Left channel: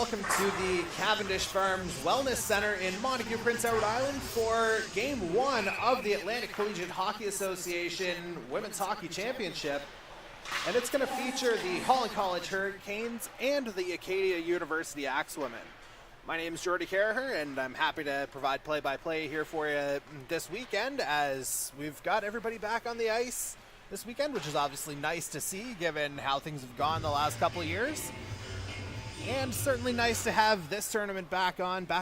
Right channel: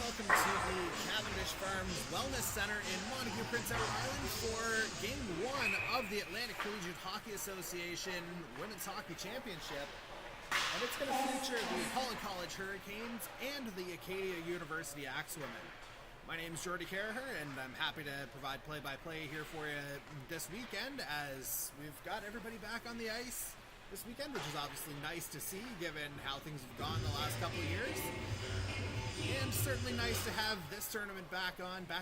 welcome to the Cavendish Farms Wellness Center in Montague, Prince Edward Island for Game 1 of the Atlantic Collegiate Hockey Association Women's Hockey Championship. And it's going to feature the Holland College Hurricanes and the Acadia University Axewomen. My name is Jordy Carraher, and I'm happy to provide play-by-play here for you this weekend, as we've got everybody back on the ice this weekend, which is obviously nice to see given how things have gone the last couple of years. And certainly nice to have this tournament back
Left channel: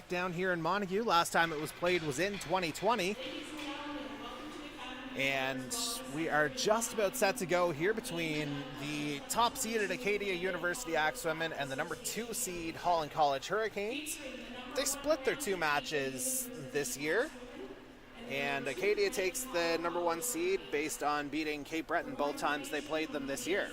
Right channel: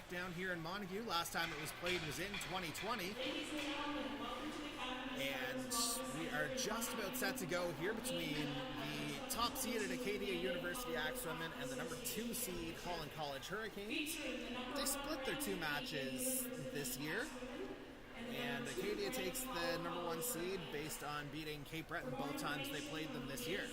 down here in Montague. Last time it was played was in 2020. And we are just about set to go here between the top seeded Acadia University Axewomen and the number 2 seed Holland College Hurricanes. They split their 2 matches this year, and Acadia takes the number 1 seed based on beating Cape Breton both times they played them this year.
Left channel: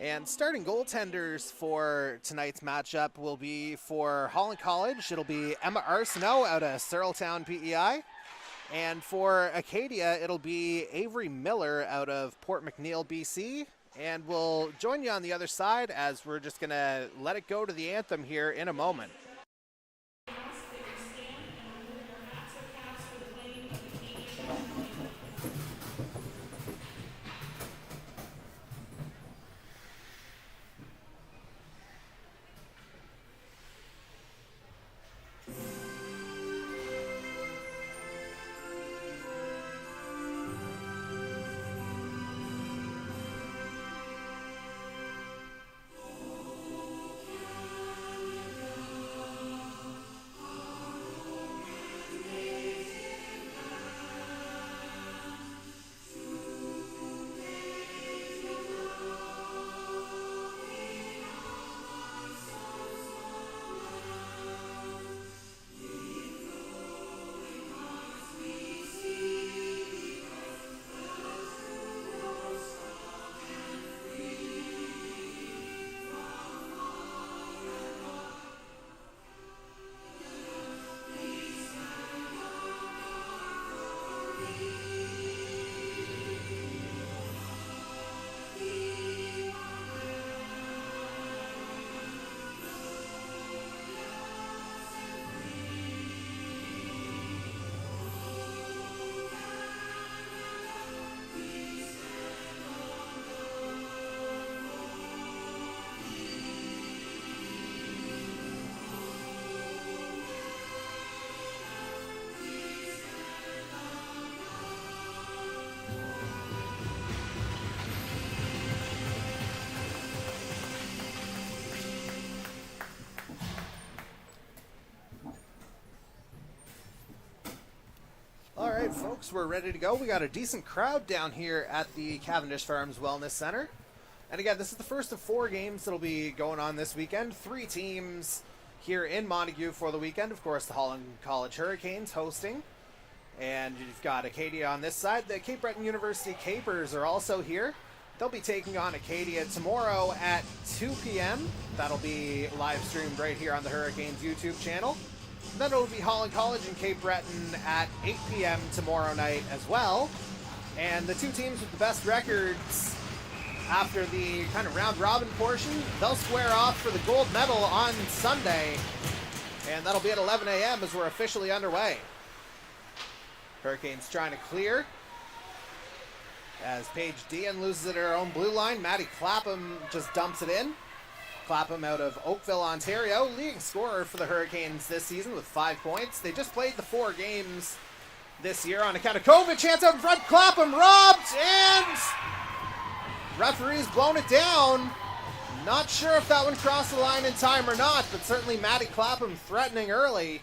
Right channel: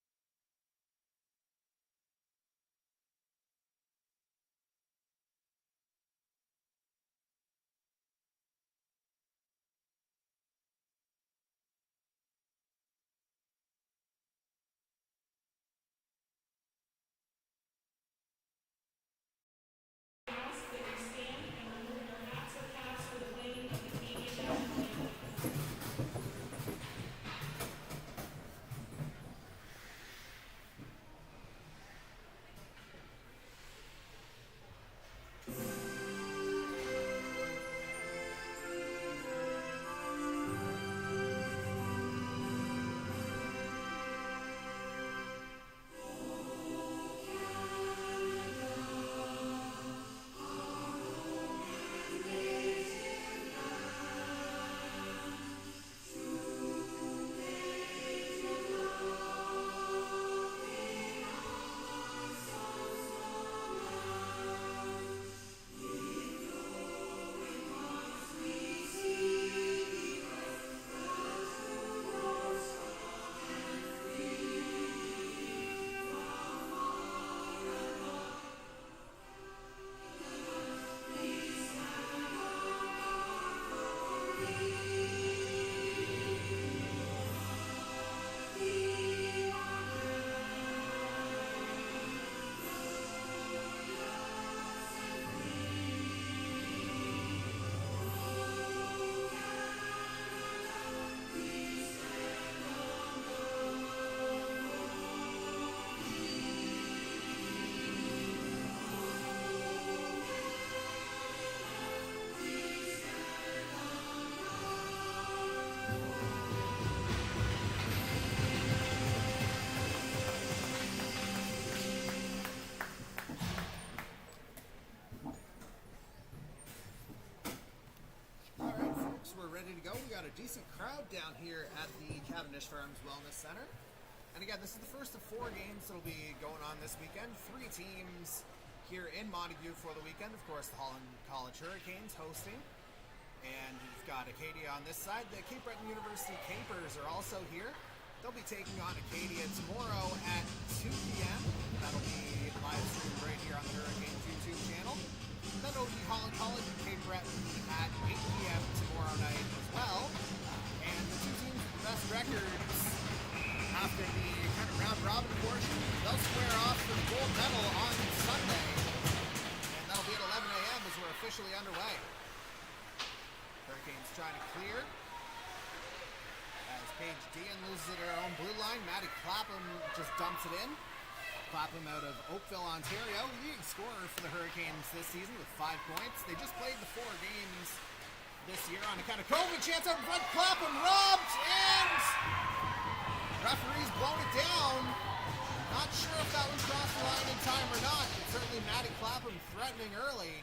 And starting goaltenders for tonight's matchup will be for Holland College. It'll be Emma Arsenault out of Searletown, PEI. And for Acadia, it'll be Avery Miller out of Port McNeill, BC. And we'll join you on the other side as we're just going to let it go to the anthem here in a moment. Folks, we're ready to go. We got a decent crowd down here at the Cavendish Farms Wellness Center. And again, this is the first of 4 games that'll be going on this weekend. 3 teams here in Montague for the weekend. Of course, the Holland College Hurricanes hosting. And you've got Acadia on this side. The Cape Breton University Capers are also here. They'll be taking on Acadia tomorrow at 2 p.m. That'll be live streamed right here on the Hurricanes YouTube channel. Then it'll be Holland College and Cape Breton at 8 p.m. tomorrow night as well. And the 2 teams with the best records after the kind of round-robin portion, they'll square off for the gold medal on Sunday. And that'll be at 11 a.m. as we're officially underway. Hurricanes trying to clear. As Paige Dean loses it at her own blue line, Maddie Clapham just dumps it in. Clapham out of Oakville, Ontario, leading scorer for the Hurricanes this season with 5 points. They just played the 4 games this year on account of COVID. Chance out in front, Clapham robbed, and referee's blown it down. Not sure if that one crossed the line in time or not, but certainly Maddie Clapham threatening early.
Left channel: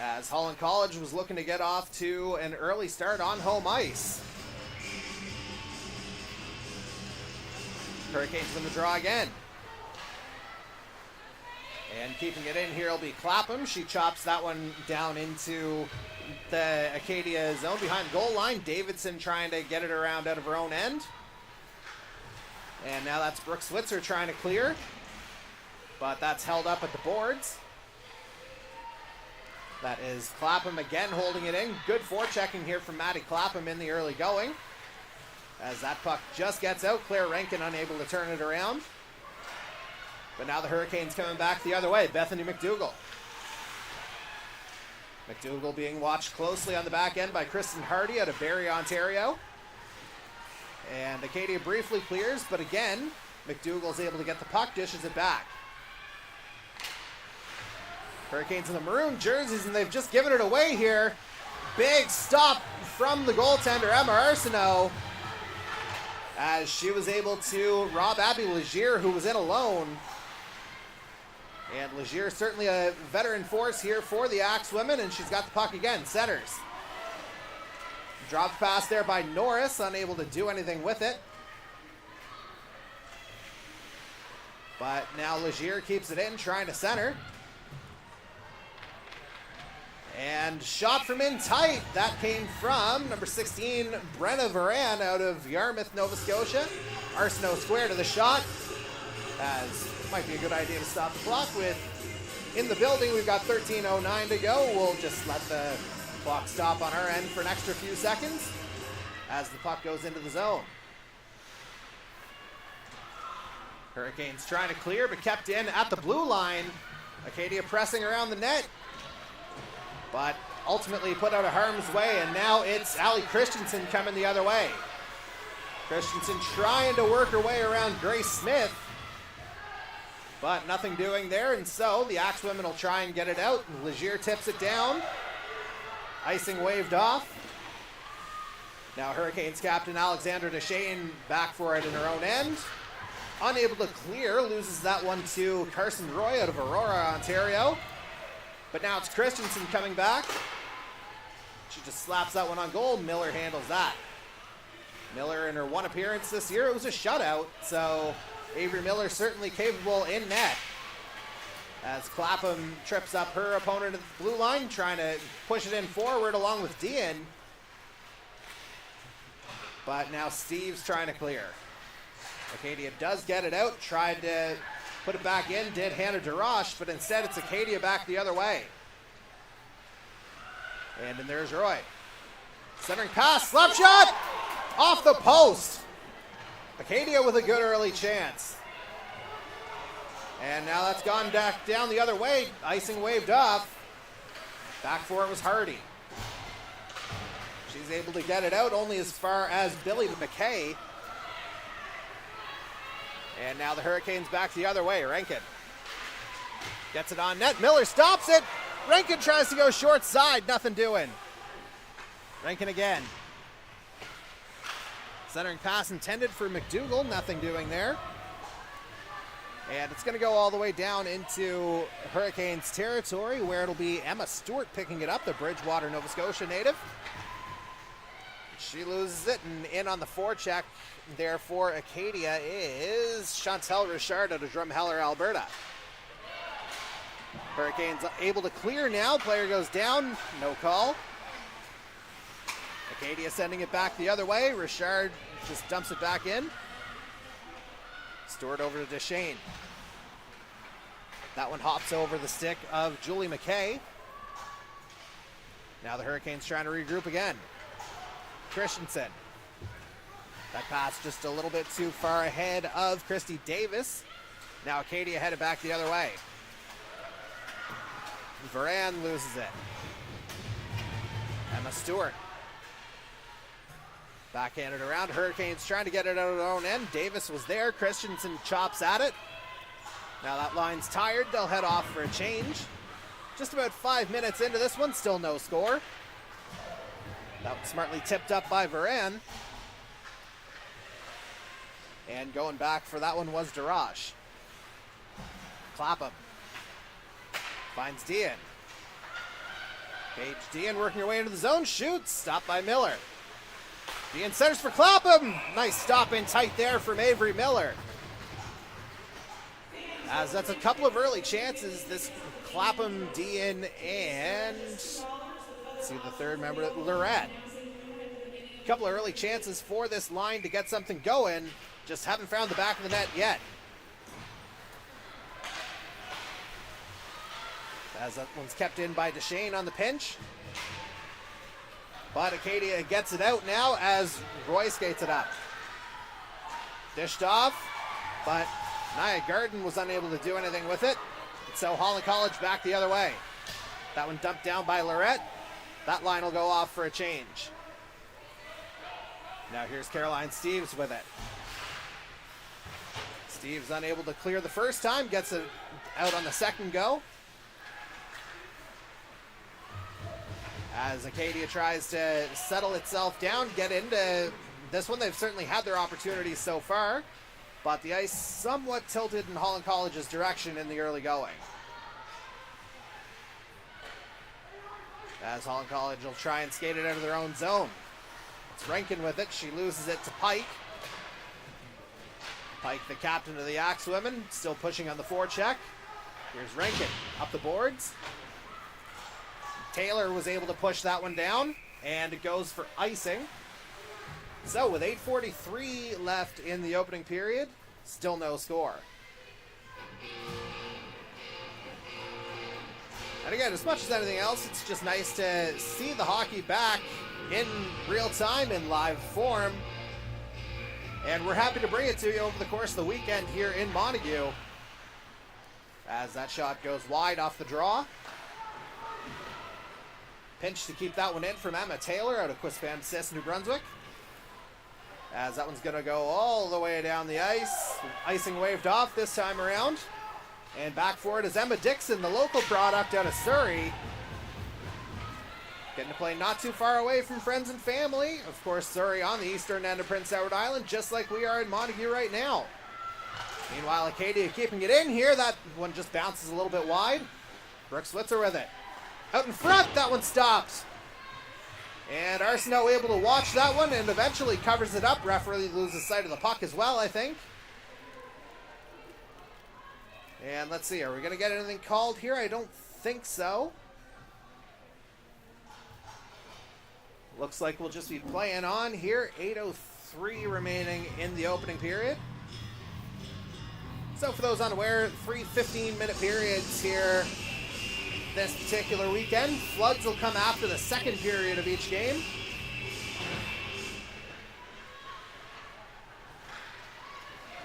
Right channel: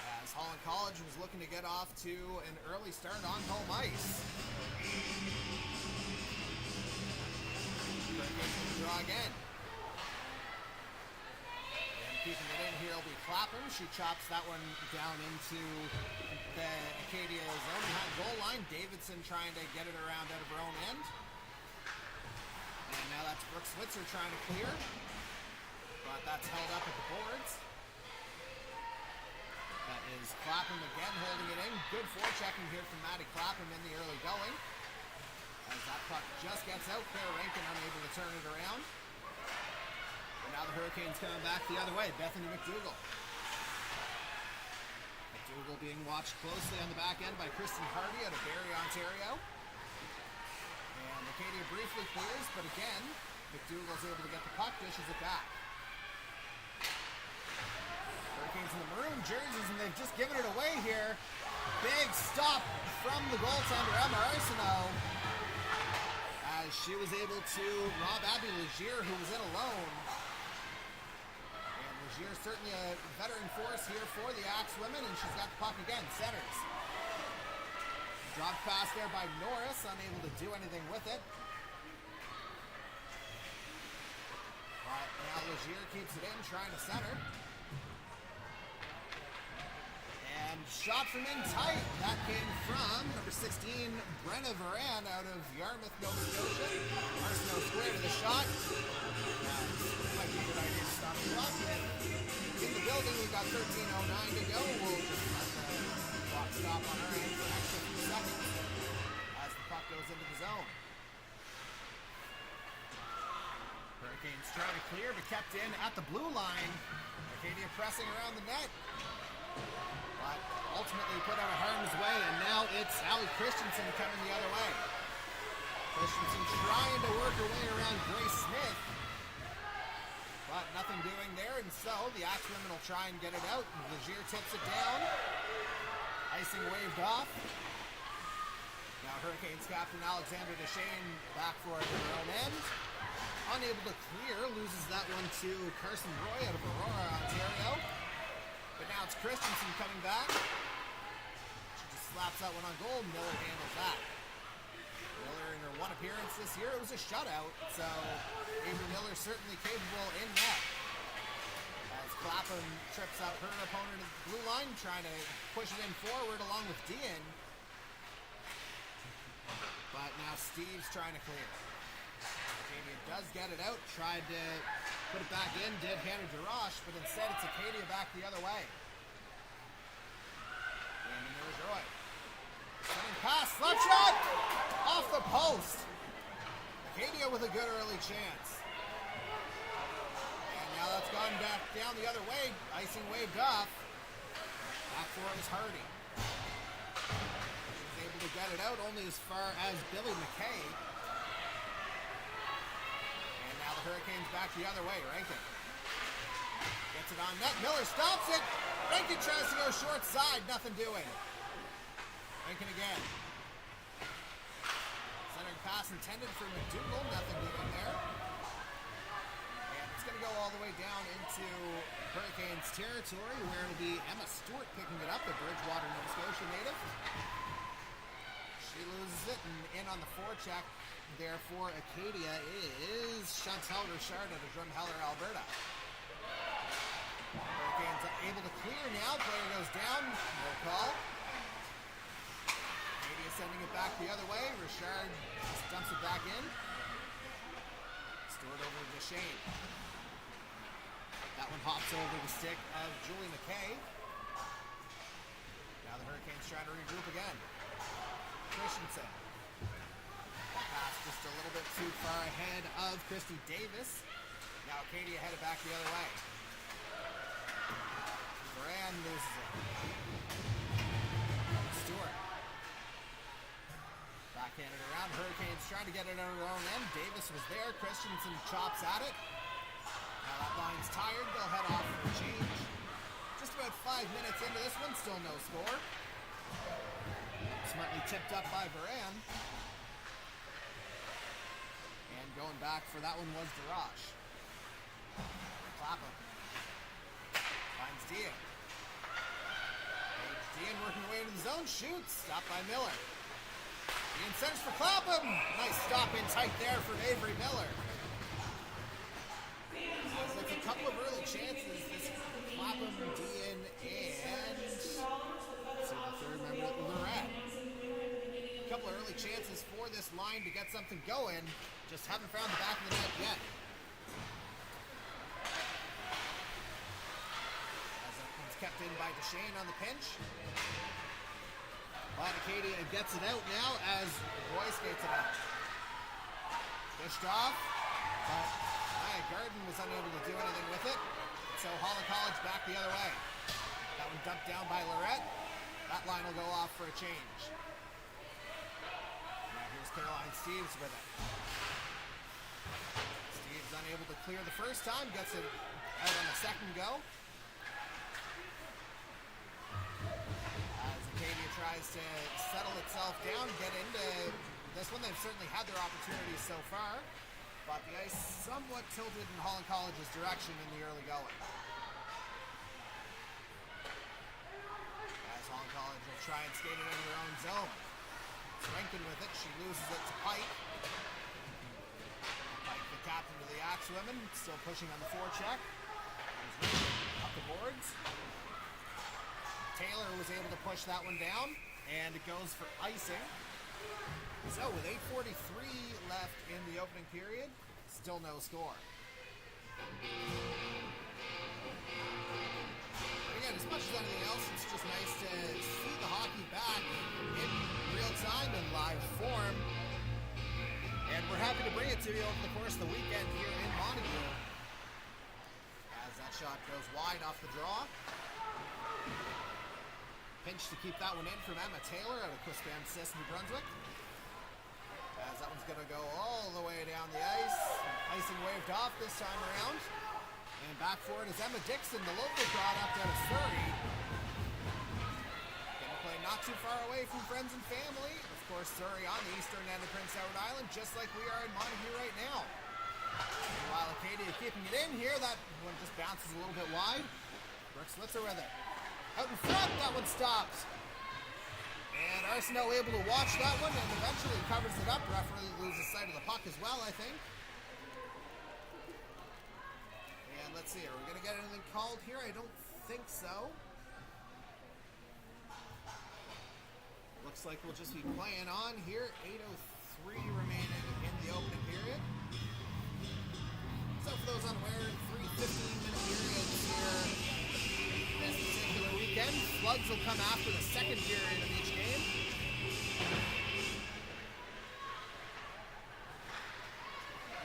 As Holland College was looking to get off to an early start on home ice. Hurricanes in the draw again. And keeping it in here will be Clapham. She chops that one down into the Acadia zone behind goal line. Davidson trying to get it around out of her own end. And now that's Brooke Switzer trying to clear. But that's held up at the boards. That is Clapham again holding it in. Good forechecking here from Maddie Clapham in the early going. As that puck just gets out, Claire Rankin unable to turn it around. But now the Hurricanes coming back the other way. Bethany McDougall. McDougall being watched closely on the back end by Kristen Hardy out of Barrie, Ontario. And Acadia briefly clears, but again, McDougall's able to get the puck, dishes it back. Hurricanes in the maroon jerseys, and they've just given it away here. Big stop from the goaltender, Emma Arsenault, as she was able to rob Abby Legier, who was in alone. And Legier certainly a veteran force here for the Axe women, and she's got the puck again. Centers. Drop pass there by Norris, unable to do anything with it. But now Legier keeps it in, trying to center. And shot from in tight. That came from number 16, Brenna Varan out of Yarmouth, Nova Scotia. Arsenault square to the shot. As might be a good idea to stop the clock with. In the building, we've got 13:09 to go. We'll just let the clock stop on our end for an extra few seconds as the puck goes into the zone. Hurricanes trying to clear, but kept in at the blue line. Acadia pressing around the net, but ultimately put out of harm's way, and now it's Allie Christensen coming the other way. Christensen trying to work her way around Grace Smith, but nothing doing there, and so the Axe women will try and get it out. Legier tips it down. Icing waved off. Now Hurricanes captain Alexandra Deshane back for it in her own end. Unable to clear, loses that one to Carson Roy out of Aurora, Ontario. But now it's Christensen coming back. She just slaps that one on goal. Miller handles that. Miller in her one appearance this year, it was a shutout, so Avery Miller certainly capable in net. As Clapham trips up her opponent at the blue line, trying to push it in forward along with Dean. But now Steve's trying to clear. Acadia does get it out, tried to put it back in, did hand it to Roche, but instead it's Acadia back the other way. And then there's Roy. Centering pass, slap shot! Off the post! Acadia with a good early chance. And now that's gone back down the other way. Icing waved off. Back for it was Hardy. She's able to get it out only as far as Billy McKay. And now the Hurricanes back the other way. Rankin gets it on net. Miller stops it. Rankin tries to go short side. Nothing doing. Rankin again. Centering pass intended for McDougall. Nothing doing there. And it's going to go all the way down into Hurricanes territory, where it'll be Emma Stewart picking it up, the Bridgewater, Nova Scotia native. She loses it, and in on the forecheck there for Acadia is Chantel Richard out of Drumheller, Alberta. Hurricanes able to clear now. Player goes down. No call. Acadia sending it back the other way. Richard just dumps it back in. Stewart over to Deshane. That one hops over the stick of Julie McKay. Now the Hurricanes trying to regroup again. Christensen. That pass just a little bit too far ahead of Christy Davis. Now Acadia headed back the other way. Varan loses it. Emma Stewart. Backhanded around. Hurricanes trying to get it out of their own end. Davis was there. Christensen chops at it. Now that line's tired. They'll head off for a change. Just about 5 minutes into this one. Still no score. That was smartly tipped up by Varan. And going back for that one was Darash. Clapham. Finds Dean. Paige Dean working her way into the zone. Shoots. Stopped by Miller. Dean centers for Clapham. Nice stop in tight there from Avery Miller. As that's a couple of early chances. This Clapham, Dean, and let's see the third member, Lorette. A couple of early chances for this line to get something going. Just haven't found the back of the net yet. As that one's kept in by Deshane on the pinch. But Acadia gets it out now as Roy skates it up. Dished off, but Nia Garden was unable to do anything with it. So Holland College back the other way. That one dumped down by Lorette. That line will go off for a change. Now here's Caroline Steves with it. Steves unable to clear the first time, gets it out on the second go. As Acadia tries to settle itself down, get into this one. They've certainly had their opportunities so far, but the ice somewhat tilted in Holland College's direction in the early going. As Holland College will try and skate it out of their own zone. It's Rankin with it. She loses it to Pike. Pike, the captain of the Axe women, still pushing on the forecheck. Here's Rankin up the boards. Taylor was able to push that one down, and it goes for icing. So with 8:43 left in the opening period, still no score. And again, as much as anything else, it's just nice to see the hockey back in real time, in live form. And we're happy to bring it to you over the course of the weekend here in Montague. As that shot goes wide off the draw. Pinch to keep that one in from Emma Taylor out of Quispamsis, New Brunswick. As that one's going to go all the way down the ice. Icing waved off this time around. And back for it is Emma Dixon, the local product out of Surrey. Getting to play not too far away from friends and family. Of course, Surrey on the eastern end of Prince Edward Island, just like we are in Montague right now. Meanwhile, Acadia keeping it in here. That one just bounces a little bit wide. Brooke Switzer with it. Out in front, that one stops. And Arsenault able to watch that one and eventually covers it up. Referee loses sight of the puck as well, I think. And let's see, are we going to get anything called here? I don't think so. Looks like we'll just be playing on here. 8:03 remaining in the opening period. So for those unaware, 3 15-minute periods here this particular weekend. Floods will come after the second period of each game.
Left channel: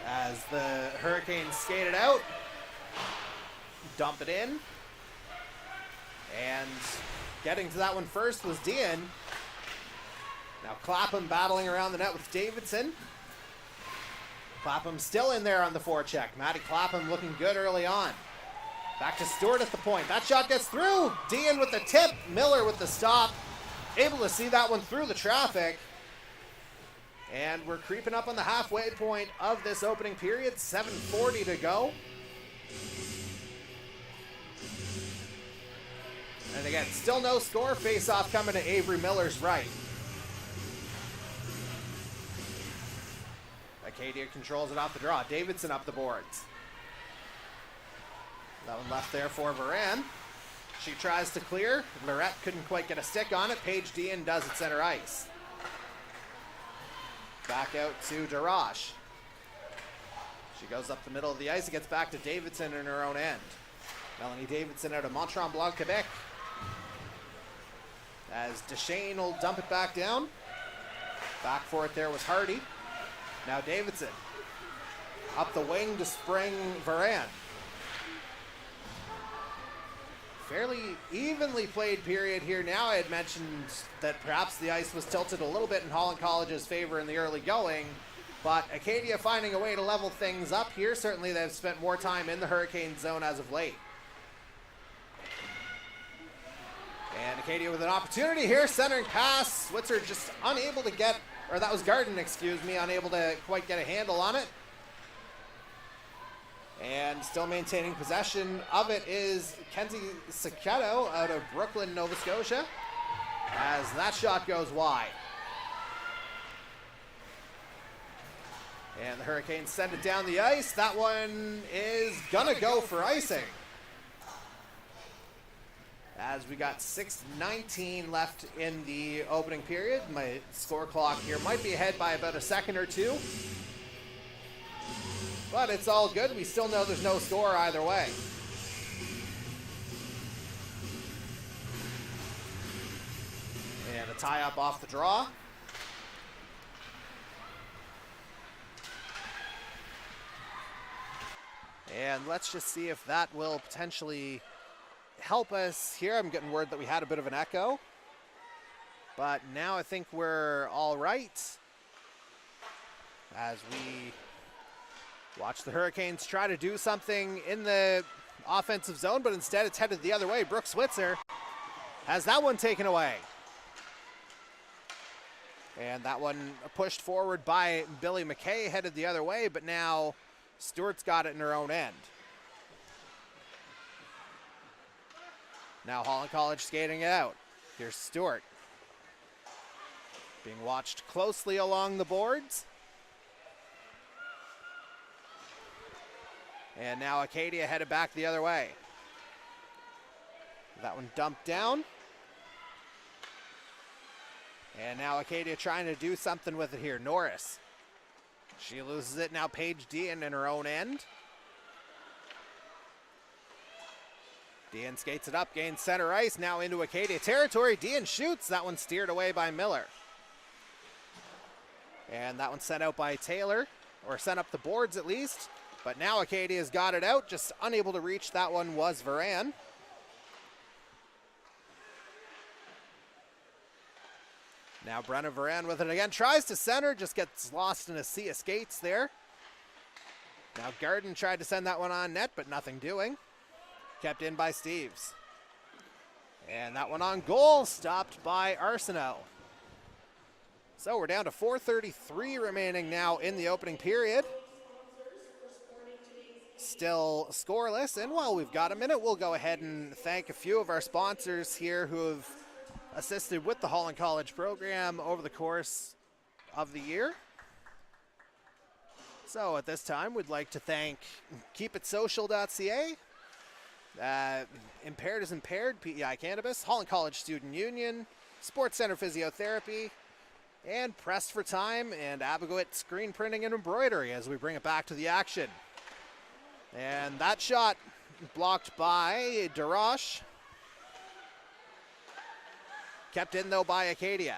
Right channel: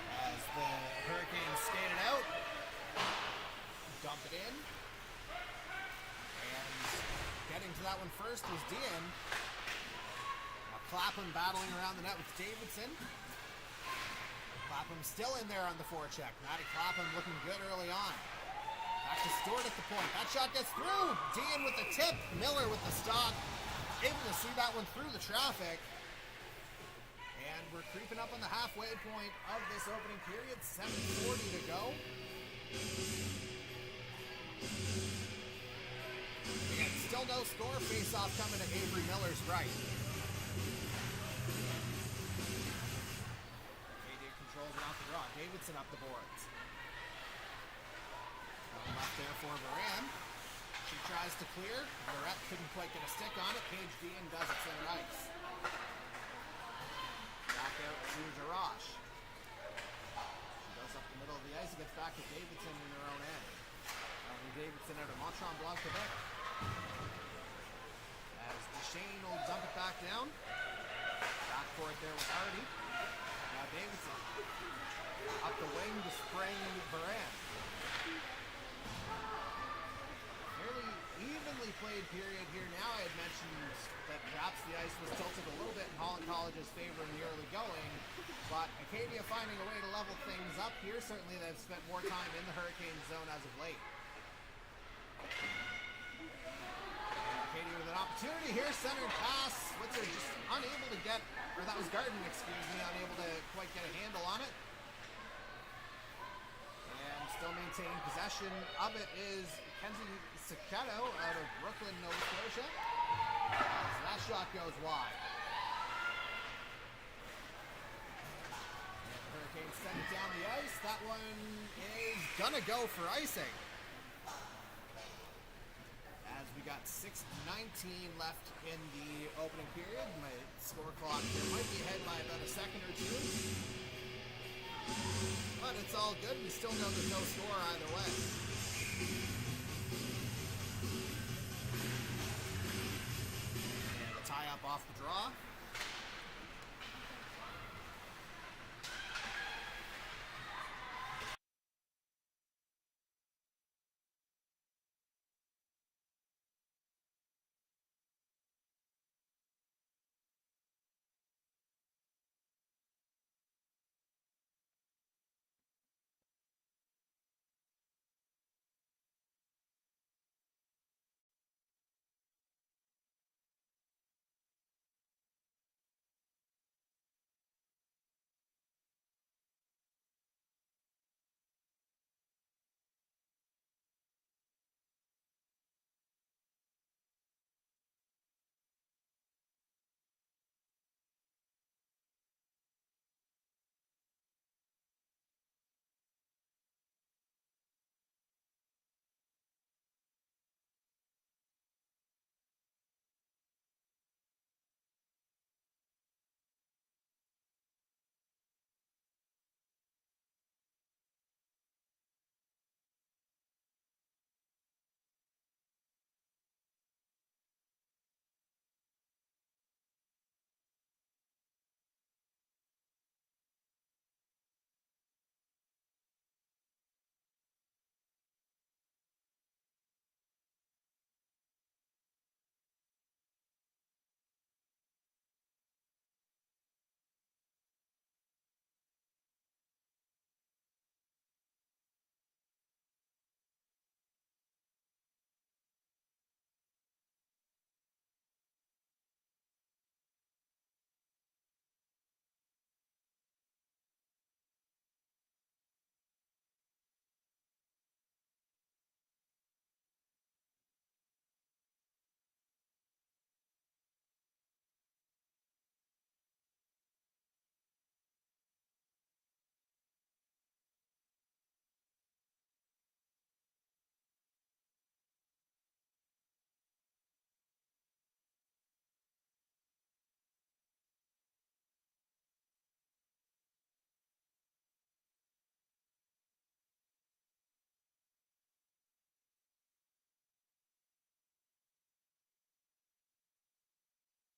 As the Hurricanes skate it out. Dump it in. And getting to that one first was Dean. Now Clapham battling around the net with Davidson. Clapham still in there on the forecheck. Maddie Clapham looking good early on. Back to Stewart at the point. That shot gets through. Dean with the tip. Miller with the stop. Able to see that one through the traffic. And we're creeping up on the halfway point of this opening period. 7:40 to go. And again, still no score. Face-off coming to Avery Miller's right. Acadia controls it off the draw. Davidson up the boards. That one left there for Moran. She tries to clear. Lorette couldn't quite get a stick on it. Paige Dean does at center ice. Back out to Darash. She goes up the middle of the ice and gets back to Davidson in her own end. Melanie Davidson out of Mont-Tremblant, Quebec. As Deshane will dump it back down. Back for it there was Hardy. Now Davidson. Up the wing to spring Varan. Fairly evenly played period here now. I had mentioned that perhaps the ice was tilted a little bit in Holland College's favor in the early going, but Acadia finding a way to level things up here. Certainly they've spent more time in the Hurricane zone as of late. And Acadia with an opportunity here, centering pass. Switzer just unable to get, or that was Garden, excuse me, unable to quite get a handle on it. And still maintaining possession of it is Kenzie Sacchetto out of Brooklyn, Nova Scotia, as that shot goes wide. And the Hurricanes send it down the ice. That one is gonna go for icing. As we got 6:19 left in the opening period. My score clock here might be ahead by about a second or two. But it's all good. We still know there's no score either way. tie up off the draw. And let's just see if that will potentially help us here. I'm getting word that we had a bit of an echo. But now I think we're all right. As we watch the Hurricanes try to do something in the offensive zone, but instead it's headed the other way. Brooke Switzer has that one taken away. And that one pushed forward by Billy McKay, headed the other way, but now Stewart's got it in her own end. Now Holland College skating it out. Here's Stewart. Being watched closely along the boards. And now Acadia headed back the other way. That one dumped down. And now Acadia trying to do something with it here. Norris. She loses it. Now Paige Dean in her own end. Dean skates it up, gains center ice. Now into Acadia territory. Dean shoots. That one steered away by Miller. And that one sent out by Taylor, or sent up the boards at least. But now Acadia's got it out. Just unable to reach that one was Varan. Now Brenna Varan with it again. Tries to center, just gets lost in a sea of skates there. Now Garden tried to send that one on net, but nothing doing. Kept in by Steves. And that one on goal, stopped by Arsenault. So we're down to 4:33 remaining now in the opening period. Still scoreless, and while we've got a minute, we'll go ahead and thank a few of our sponsors here who have assisted with the Holland College program over the course of the year. So at this time, we'd like to thank KeepItSocial.ca, Impaired is Impaired, PEI Cannabis, Holland College Student Union, Sports Center Physiotherapy, and Pressed for Time and Abigoit Screen Printing and Embroidery as we bring it back to the action. And that shot blocked by DeRoche. Kept in though by Acadia.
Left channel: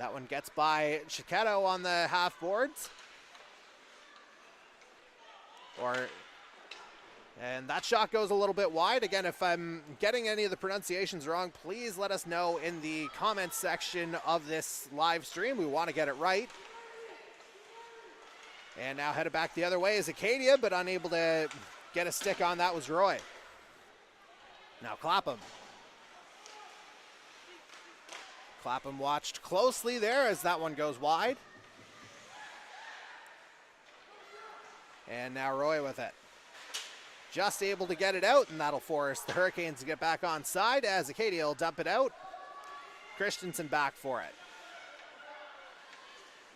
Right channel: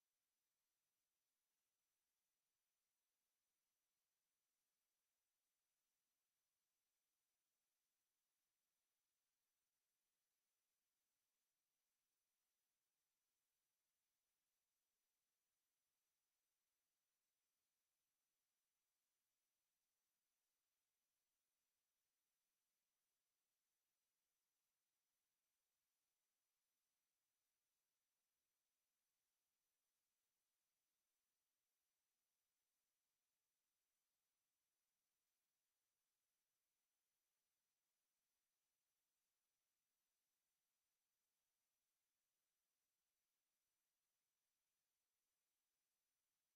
That one gets by Chiquetto on the half boards. And that shot goes a little bit wide. Again, if I'm getting any of the pronunciations wrong, please let us know in the comments section of this live stream. We want to get it right. And now headed back the other way is Acadia, but unable to get a stick on that was Roy. Now Clapham. Clapham watched closely there as that one goes wide. And now Roy with it. Just able to get it out, and that'll force the Hurricanes to get back on side as Acadia will dump it out. Christensen back for it.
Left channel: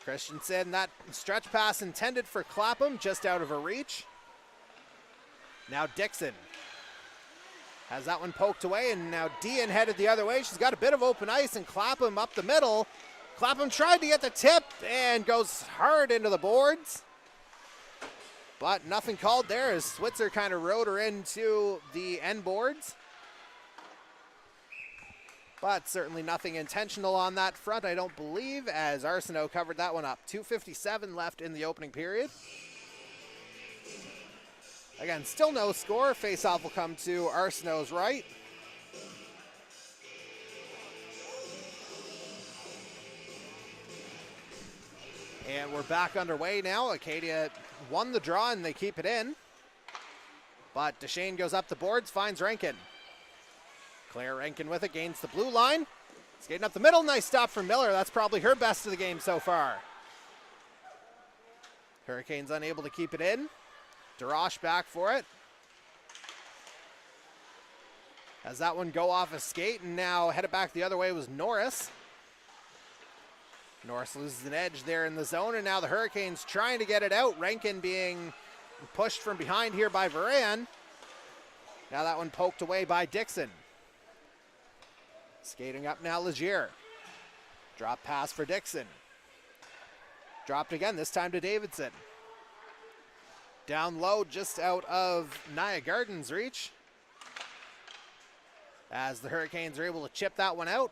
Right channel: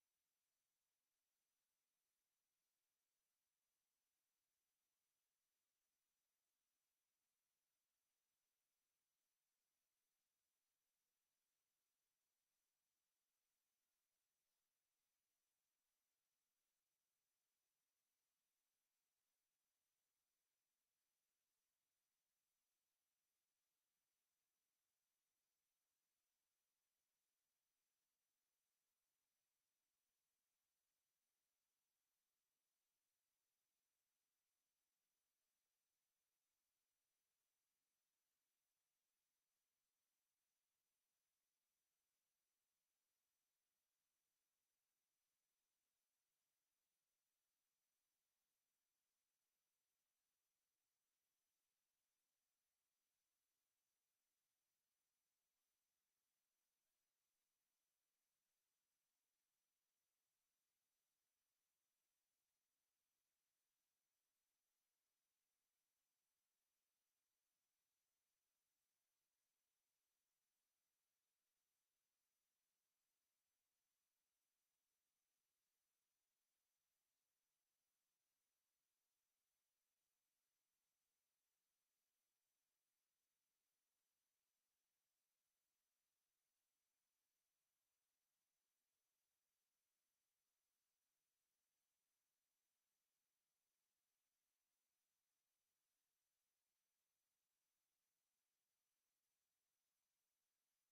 Christensen, that stretch pass intended for Clapham, just out of her reach. Now Dixon has that one poked away, and now Dean headed the other way. She's got a bit of open ice, and Clapham up the middle. Clapham tried to get the tip and goes hard into the boards. But nothing called there as Switzer kind of rode her into the end boards. But certainly nothing intentional on that front, I don't believe, as Arsenault covered that one up. 2:57 left in the opening period. Again, still no score. Face-off will come to Arsenault's right. And we're back underway now. Acadia won the draw and they keep it in. But Deshane goes up the boards, finds Rankin. Claire Rankin with it, gains the blue line. Skating up the middle, nice stop from Miller. That's probably her best of the game so far. Hurricanes unable to keep it in. DeRoche back for it. Has that one go off a skate, and now headed back the other way was Norris. Norris loses an edge there in the zone, and now the Hurricanes trying to get it out. Rankin being pushed from behind here by Varan. Now that one poked away by Dixon. Skating up now Legier. Drop pass for Dixon. Dropped again, this time to Davidson. Down low, just out of Nia Garden's reach. As the Hurricanes are able to chip that one out.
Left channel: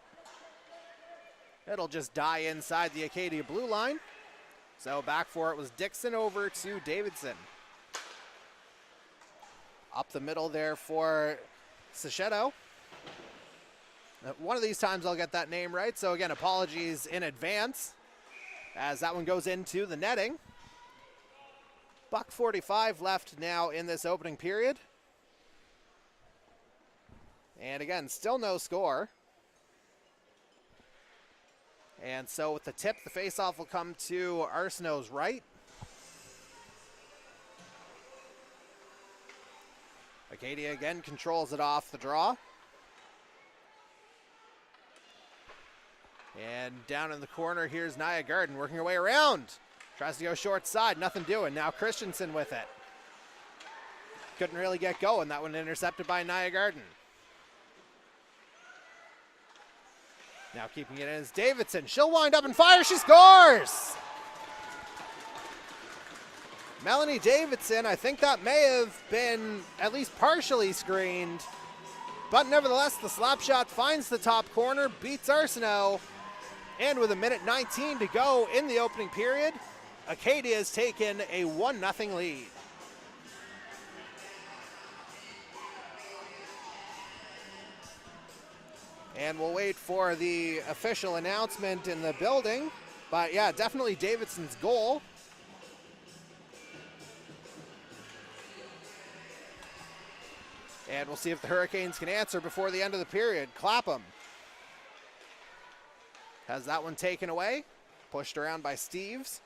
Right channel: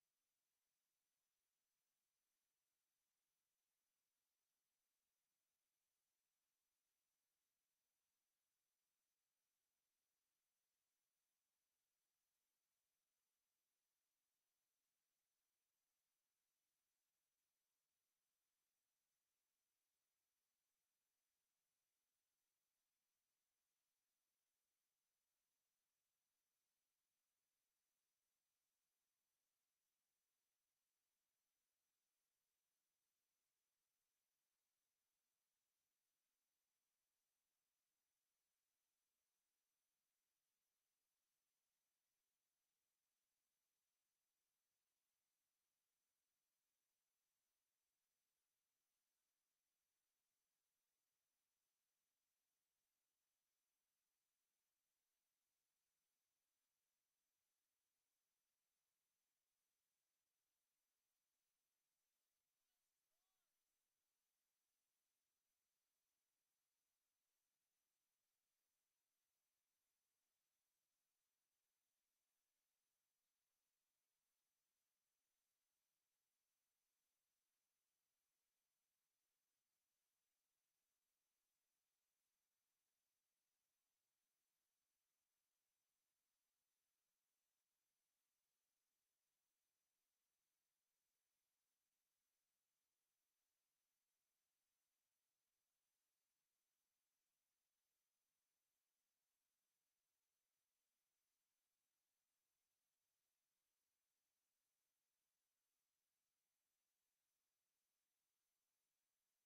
It'll just die inside the Acadia blue line. So back for it was Dixon over to Davidson. Up the middle there for Sachetto. One of these times I'll get that name right, so again, apologies in advance as that one goes into the netting. $1:45 left now in this opening period. And again, still no score. And so with the tip, the faceoff will come to Arsenault's right. Acadia again controls it off the draw. And down in the corner, here's Nia Garden working her way around. Tries to go short side, nothing doing. Now Christensen with it. Couldn't really get going. That one intercepted by Nia Garden. Now keeping it in is Davidson. She'll wind up and fire. She scores! Melanie Davidson, I think that may have been at least partially screened. But nevertheless, the slap shot finds the top corner, beats Arsenault. And with 1:19 to go in the opening period, Acadia has taken a 1-0 lead. And we'll wait for the official announcement in the building. But yeah, definitely Davidson's goal. And we'll see if the Hurricanes can answer before the end of the period. Clapham has that one taken away. Pushed around by Steves.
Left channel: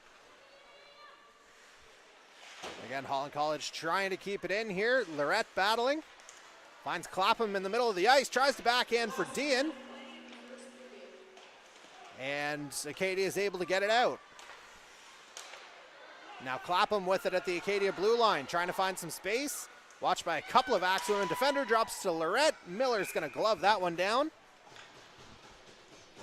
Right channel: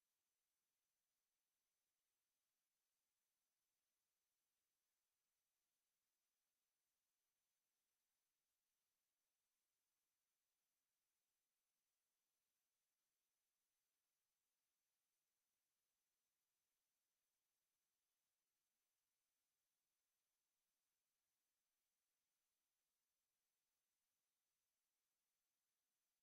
Again, Holland College trying to keep it in here. Lorette battling. Finds Clapham in the middle of the ice. Tries to backhand for Dean. And Acadia is able to get it out. Now Clapham with it at the Acadia blue line. Trying to find some space. Watched by a couple of Axewomen. Defender drops to Lorette. Miller's going to glove that one down.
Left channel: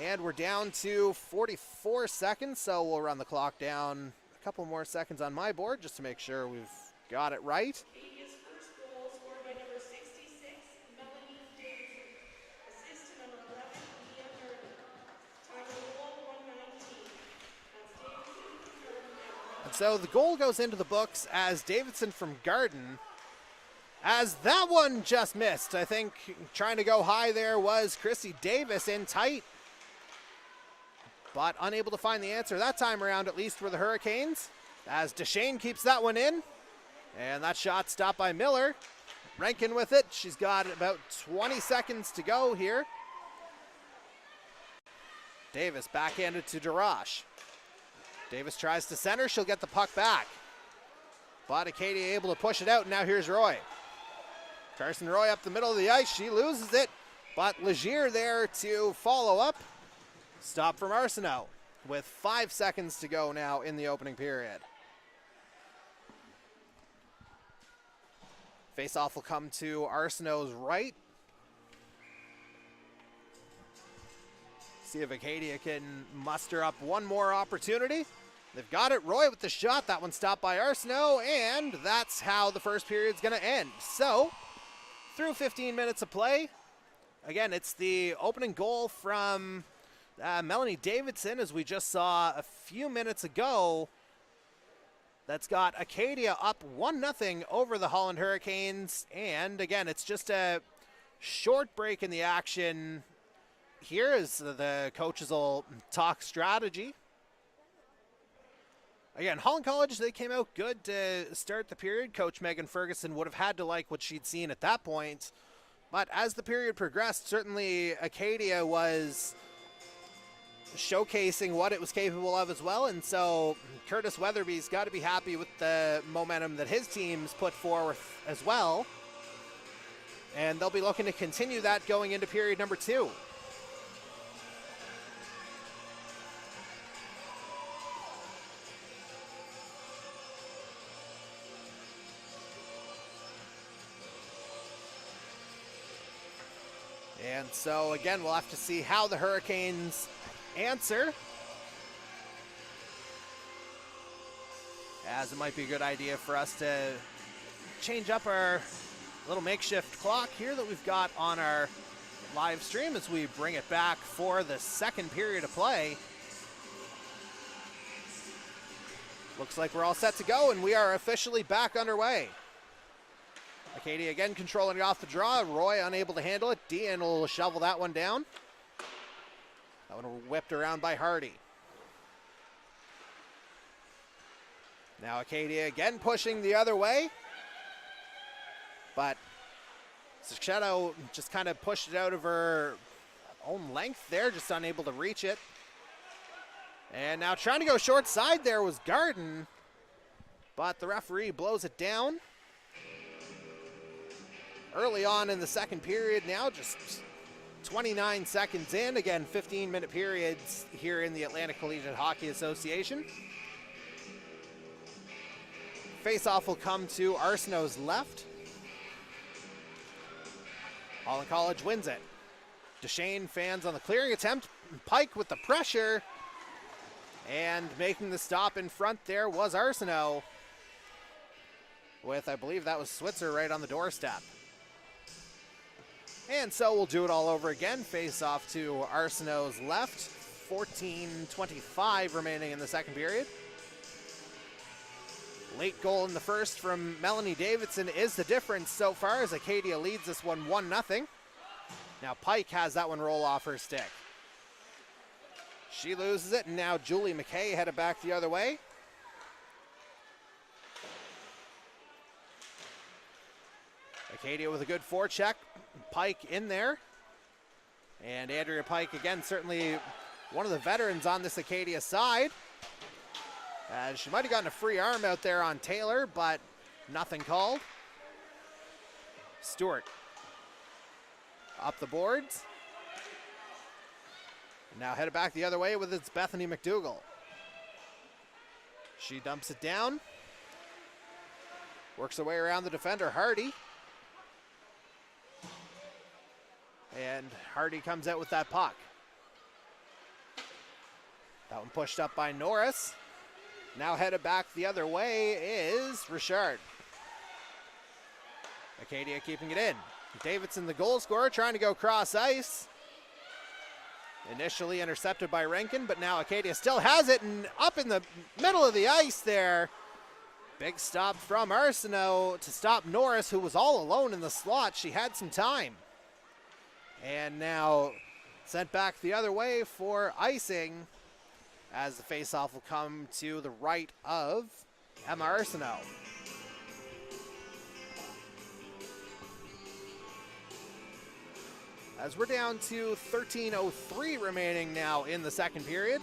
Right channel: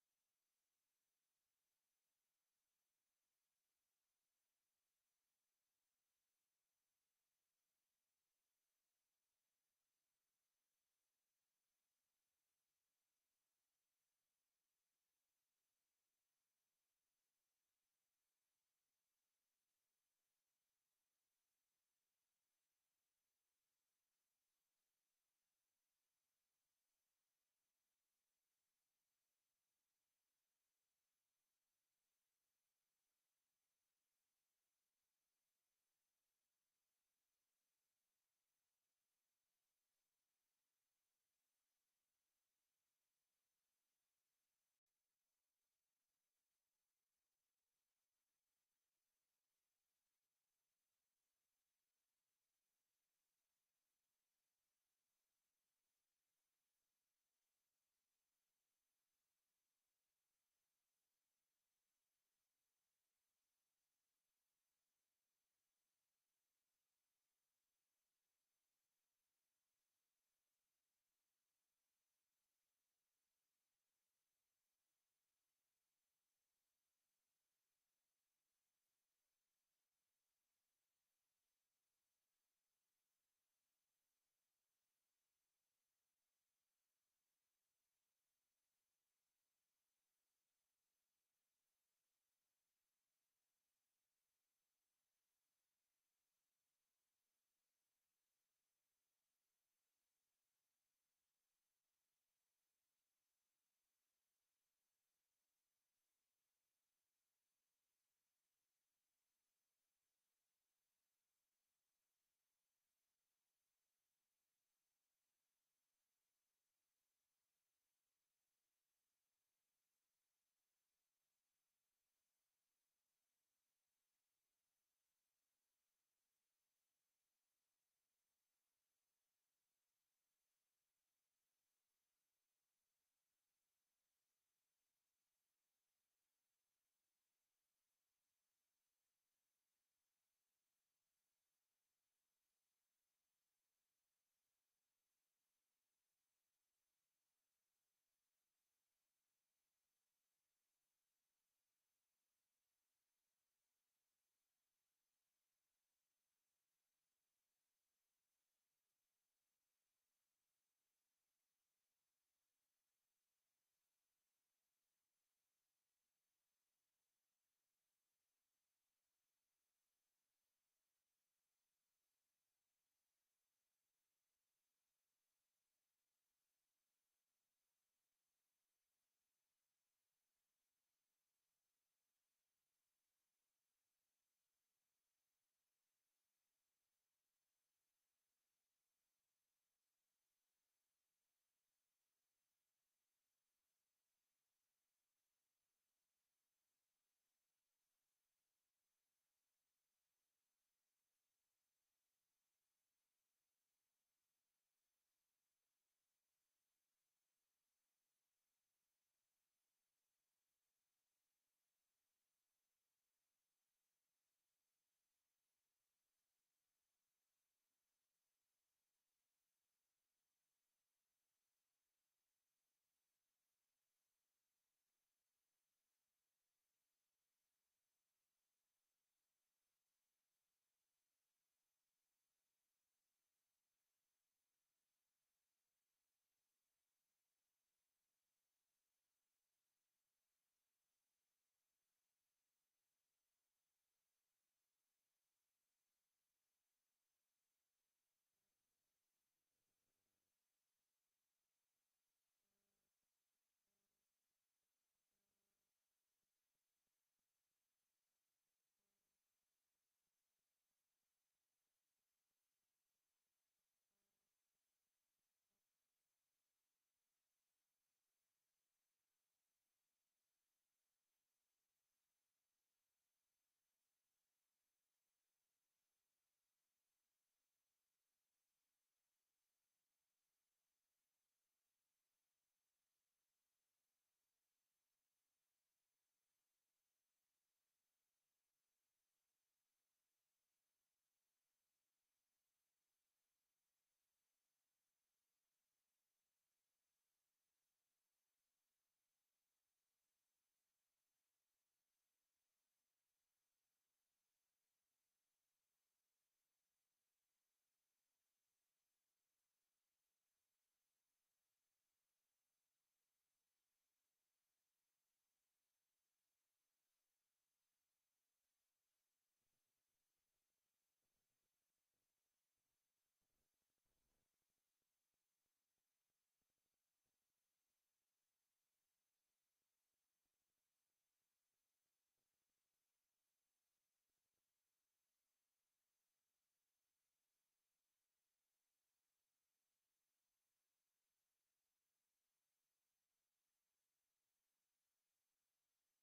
And we're down to 44 seconds, so we'll run the clock down a couple more seconds on my board just to make sure we've got it right. Acadia's first goal scored by number 66, Melanie Davidson. Assist to number 11, Mia Garden. Time of the goal, 1:19. That's Davidson, Garden, And so the goal goes into the books as Davidson from Garden. As that one just missed, I think trying to go high there was Chrissy Davis in tight. But unable to find the answer that time around, at least for the Hurricanes. As Deshane keeps that one in. And that shot stopped by Miller. Rankin with it. She's got about 20 seconds to go here. Davis backhanded to Darash. Davis tries to center. She'll get the puck back. But Acadia able to push it out. Now here's Roy. Carson Roy up the middle of the ice. She loses it. But Legier there to follow up. Stop from Arsenault with 5 seconds to go now in the opening period. Faceoff will come to Arsenault's right. See if Acadia can muster up one more opportunity. They've got it. Roy with the shot. That one stopped by Arsenault, and that's how the first period's going to end. So, through 15 minutes of play, again, it's the opening goal from Melanie Davidson, as we just saw a few minutes ago. That's got Acadia up 1-0 over the Holland Hurricanes. And again, it's just a short break in the action here as the coaches will talk strategy. Again, Holland College, they came out good to start the period. Coach Megan Ferguson would have had to like what she'd seen at that point. But as the period progressed, certainly Acadia was showcasing what it was capable of as well. And so Curtis Weatherby's got to be happy with the momentum that his team's put forward as well. And they'll be looking to continue that going into period number 2. And so again, we'll have to see how the Hurricanes answer, as it might be a good idea for us to change up our little makeshift clock here that we've got on our live stream as we bring it back for the second period of play. Looks like we're all set to go, and we are officially back underway. Acadia again controlling it off the draw. Roy unable to handle it. Dean will shovel that one down. That one whipped around by Hardy. Now Acadia again pushing the other way. But Sachetto just kind of pushed it out of her own length there, just unable to reach it. And now trying to go short side there was Garden, but the referee blows it down. Early on in the second period now, just 29 seconds in. Again, 15-minute periods here in the Atlantic Collegiate Hockey Association. Face-off will come to Arsenault's left. Holland College wins it. Duchesne fans on the clearing attempt. Pike with the pressure. And making the stop in front there was Arsenault. With, I believe that was Switzer right on the doorstep. And so we'll do it all over again. Face off to Arsenault's left. 14:25 remaining in the second period. Late goal in the first from Melanie Davidson is the difference so far as Acadia leads this one 1-0. Now Pike has that one roll off her stick. She loses it, and now Julie McKay headed back the other way. Acadia with a good forecheck. Pike in there. And Andrea Pike, again, certainly one of the veterans on this Acadia side. She might have gotten a free arm out there on Taylor, but nothing called. Stewart up the boards. Now headed back the other way with its Bethany McDougall. She dumps it down. Works her way around the defender, Hardy. And Hardy comes out with that puck. That one pushed up by Norris. Now headed back the other way is Richard. Acadia keeping it in. Davidson, the goal scorer, trying to go cross ice. Initially intercepted by Rankin, but now Acadia still has it, and up in the middle of the ice there. Big stop from Arsenault to stop Norris, who was all alone in the slot. She had some time. And now sent back the other way for icing as the faceoff will come to the right of Emma Arsenault. As we're down to 13:03 remaining now in the second period.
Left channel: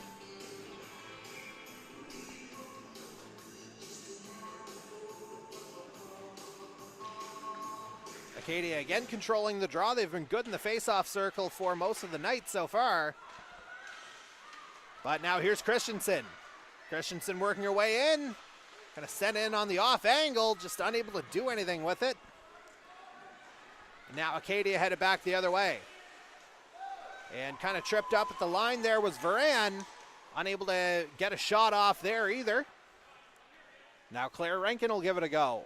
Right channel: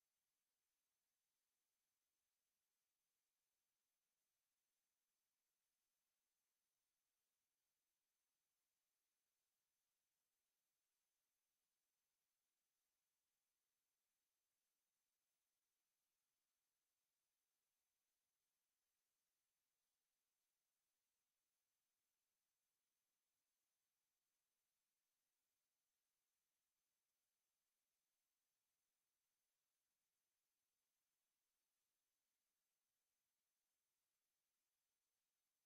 Acadia again controlling the draw. They've been good in the face-off circle for most of the night so far. But now here's Christensen. Christensen working her way in. Kind of sent in on the off angle, just unable to do anything with it. Now Acadia headed back the other way. And kind of tripped up at the line there was Varan. Unable to get a shot off there either. Now Claire Rankin will give it a go.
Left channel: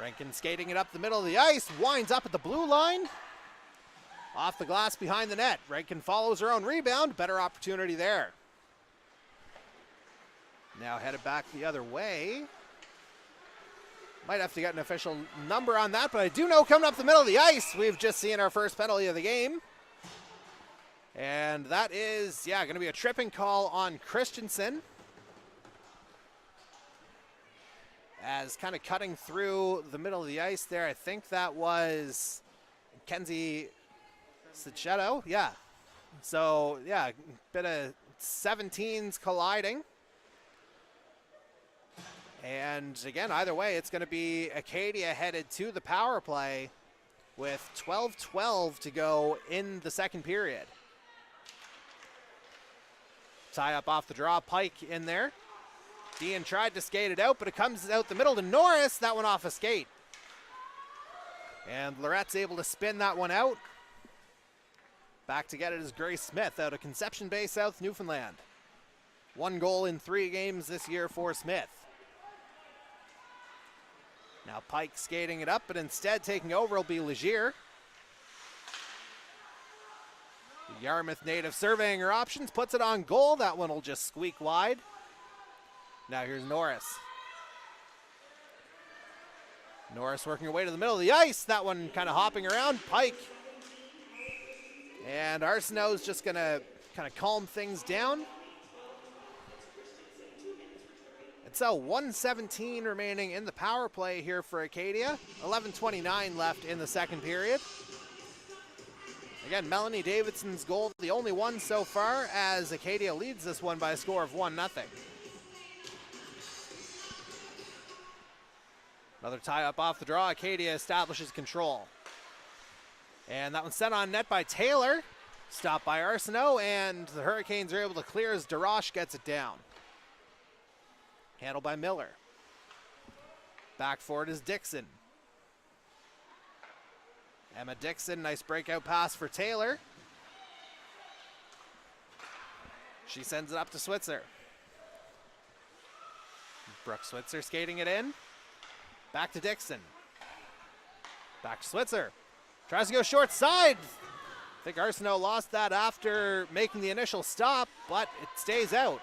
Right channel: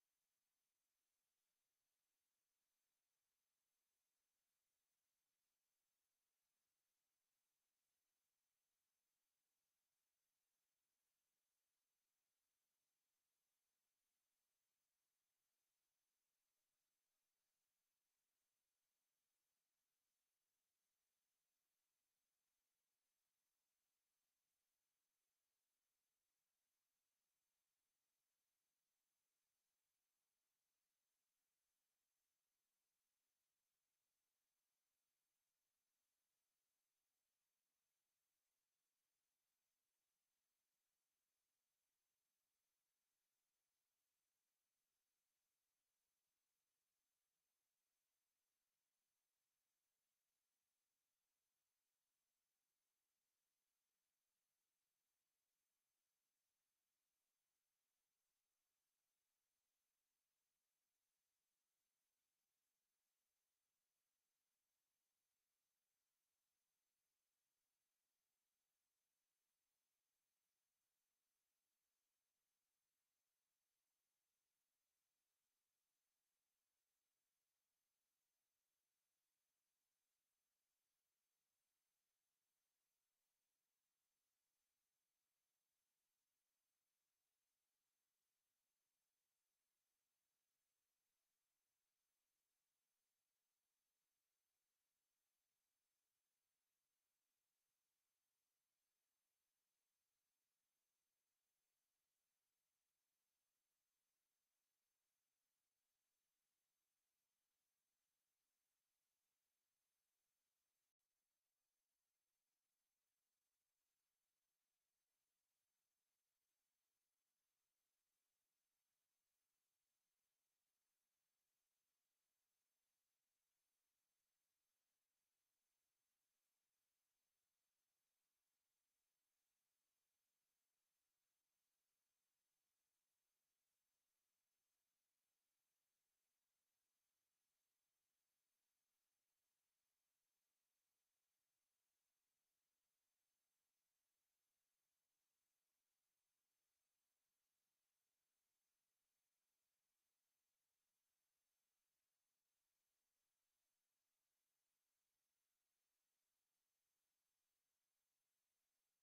Rankin skating it up the middle of the ice. Winds up at the blue line. Off the glass behind the net. Rankin follows her own rebound. Better opportunity there. Now headed back the other way. Might have to get an official number on that, but I do know coming up the middle of the ice, we've just seen our first penalty of the game. And that is, going to be a tripping call on Christensen. As kind of cutting through the middle of the ice there, I think that was Kenzie Sachetto. Yeah. So, bit of 17s colliding. And again, either way, it's going to be Acadia headed to the power play with 12:12 to go in the second period. Tie up off the draw, Pike in there. Dean tried to skate it out, but it comes out the middle to Norris. That one off a skate. And Lorette's able to spin that one out. Back to get it is Grace Smith out of Conception Bay, South Newfoundland. 1 goal in 3 games this year for Smith. Now Pike skating it up, but instead taking over will be Legier. The Yarmouth native surveying her options, puts it on goal. That one will just squeak wide. Now here's Norris. Norris working her way to the middle of the ice. That one kind of hopping around. Pike. And Arsenault's just going to kind of calm things down. It's 1:17 remaining in the power play here for Acadia. 11:29 left in the second period. Again, Melanie Davidson's goal, the only one so far, as Acadia leads this one by a score of 1-0. Another tie-up off the draw. Acadia establishes control. And that one's sent on net by Taylor. Stopped by Arsenault, and the Hurricanes are able to clear as Darash gets it down. Handled by Miller. Back forward is Dixon. Emma Dixon, nice breakout pass for Taylor. She sends it up to Switzer. Brooke Switzer skating it in. Back to Dixon. Back to Switzer. Tries to go short side. I think Arsenault lost that after making the initial stop, but it stays out.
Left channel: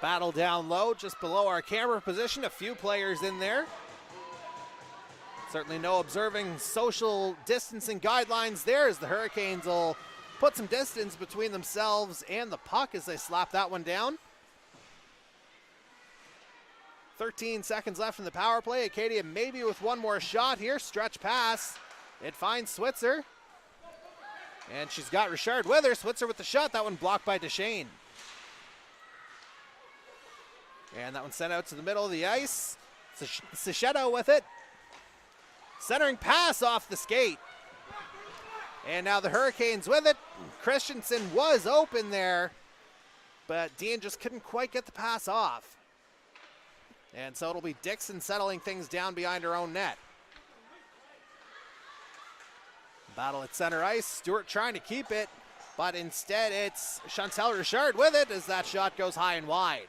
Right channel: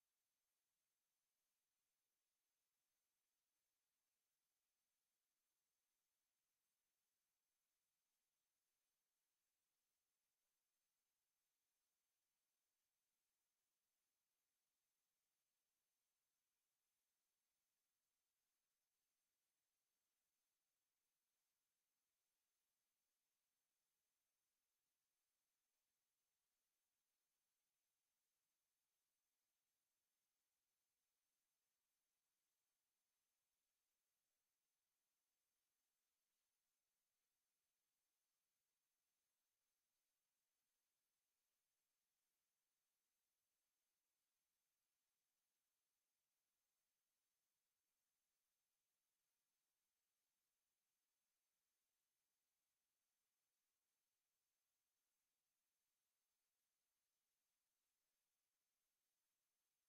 Battle down low, just below our camera position. A few players in there. Certainly no observing social distancing guidelines there, as the Hurricanes will put some distance between themselves and the puck as they slap that one down. 13 seconds left in the power play. Acadia maybe with one more shot here. Stretch pass. It finds Switzer. And she's got Richard with her. Switzer with the shot. That one blocked by Deshane. And that one sent out to the middle of the ice. Sachetto with it. Centering pass off the skate. And now the Hurricanes with it. Christensen was open there, but Dean just couldn't quite get the pass off. And so it'll be Dixon settling things down behind her own net. Battle at center ice. Stewart trying to keep it, but instead it's Chantal Richard with it as that shot goes high and wide.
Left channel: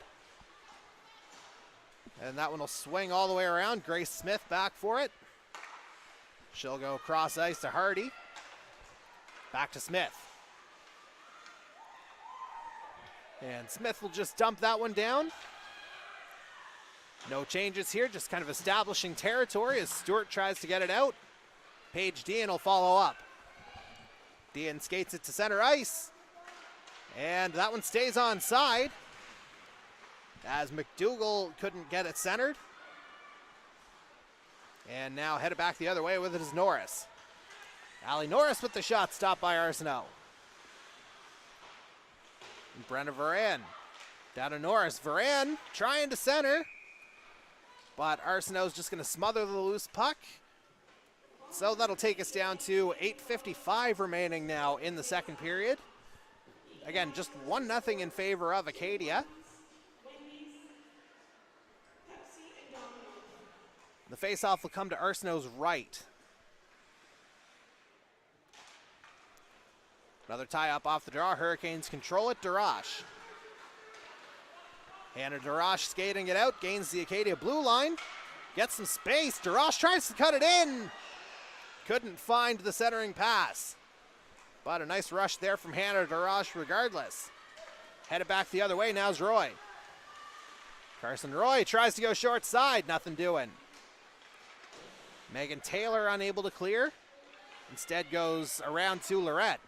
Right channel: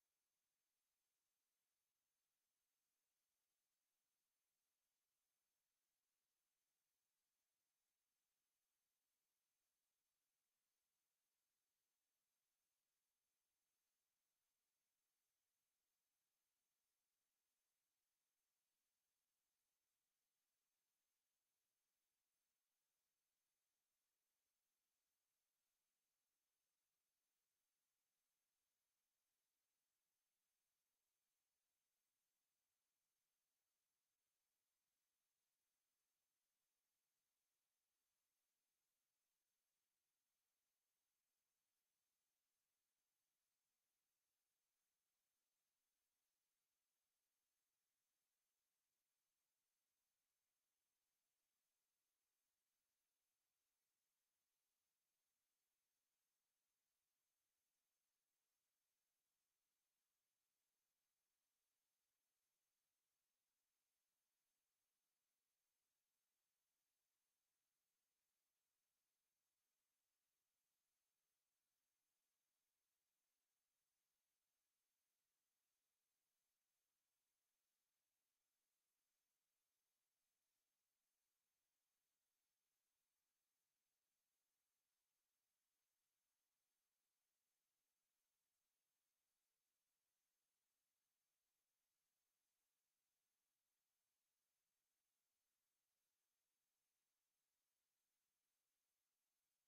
And that one will swing all the way around. Grace Smith back for it. She'll go across ice to Hardy. Back to Smith. And Smith will just dump that one down. No changes here, just kind of establishing territory as Stewart tries to get it out. Paige Dean will follow up. Dean skates it to center ice. And that one stays onside, as McDougall couldn't get it centered. And now headed back the other way with it is Norris. Allie Norris with the shot, stopped by Arsenault. And Brenna Varan down to Norris. Varan trying to center, but Arsenault's just going to smother the loose puck. So that'll take us down to 8:55 remaining now in the second period. Again, just 1-0 in favor of Acadia. The faceoff will come to Arsenault's right. Another tie-up off the draw. Hurricanes control it. Darash. Hannah Darash skating it out. Gains the Acadia blue line. Gets some space. Darash tries to cut it in. Couldn't find the centering pass. But a nice rush there from Hannah Darash regardless. Headed back the other way. Now's Roy. Carson Roy tries to go short side. Nothing doing. Megan Taylor unable to clear. Instead goes around to Lorette.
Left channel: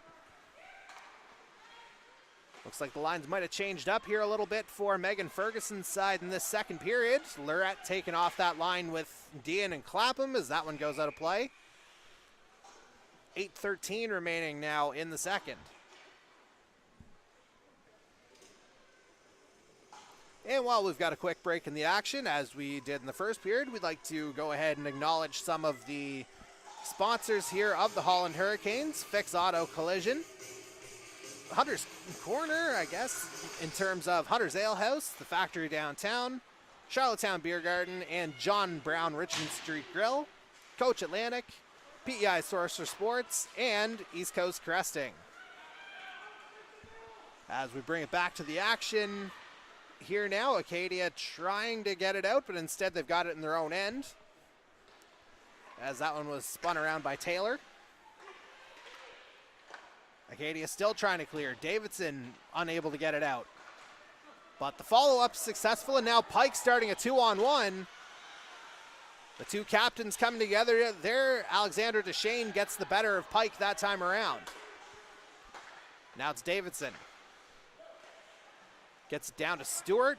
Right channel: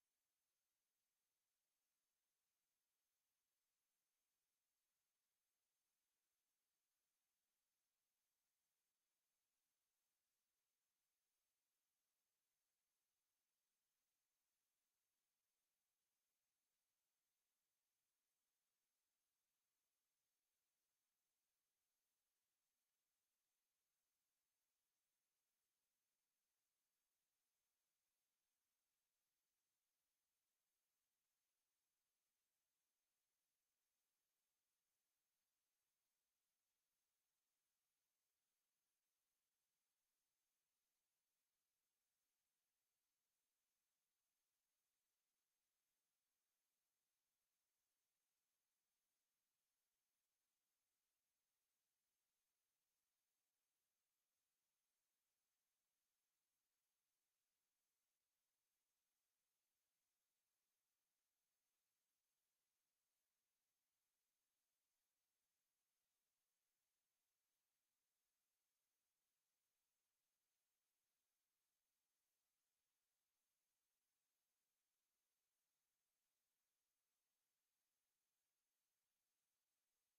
Looks like the lines might have changed up here a little bit for Megan Ferguson's side in this second period. Lorette taking off that line with Dean and Clapham as that one goes out of play. 8:13 remaining now in the second. And while we've got a quick break in the action, as we did in the first period, we'd like to go ahead and acknowledge some of the sponsors here of the Holland Hurricanes. Fix Auto Collision. Hunter's Corner, I guess, in terms of Hunter's Ale House, the factory downtown, Charlottetown Beer Garden, and John Brown Richmond Street Grill, Coach Atlantic, PEI Source for Sports, and East Coast Cresting. As we bring it back to the action, here now. Acadia trying to get it out, but instead they've got it in their own end, as that one was spun around by Taylor. Acadia still trying to clear. Davidson unable to get it out. But the follow-up successful, and now Pike starting a 2-on-1. The two captains coming together there. Alexander Deshane gets the better of Pike that time around. Now it's Davidson. Gets it down to Stewart.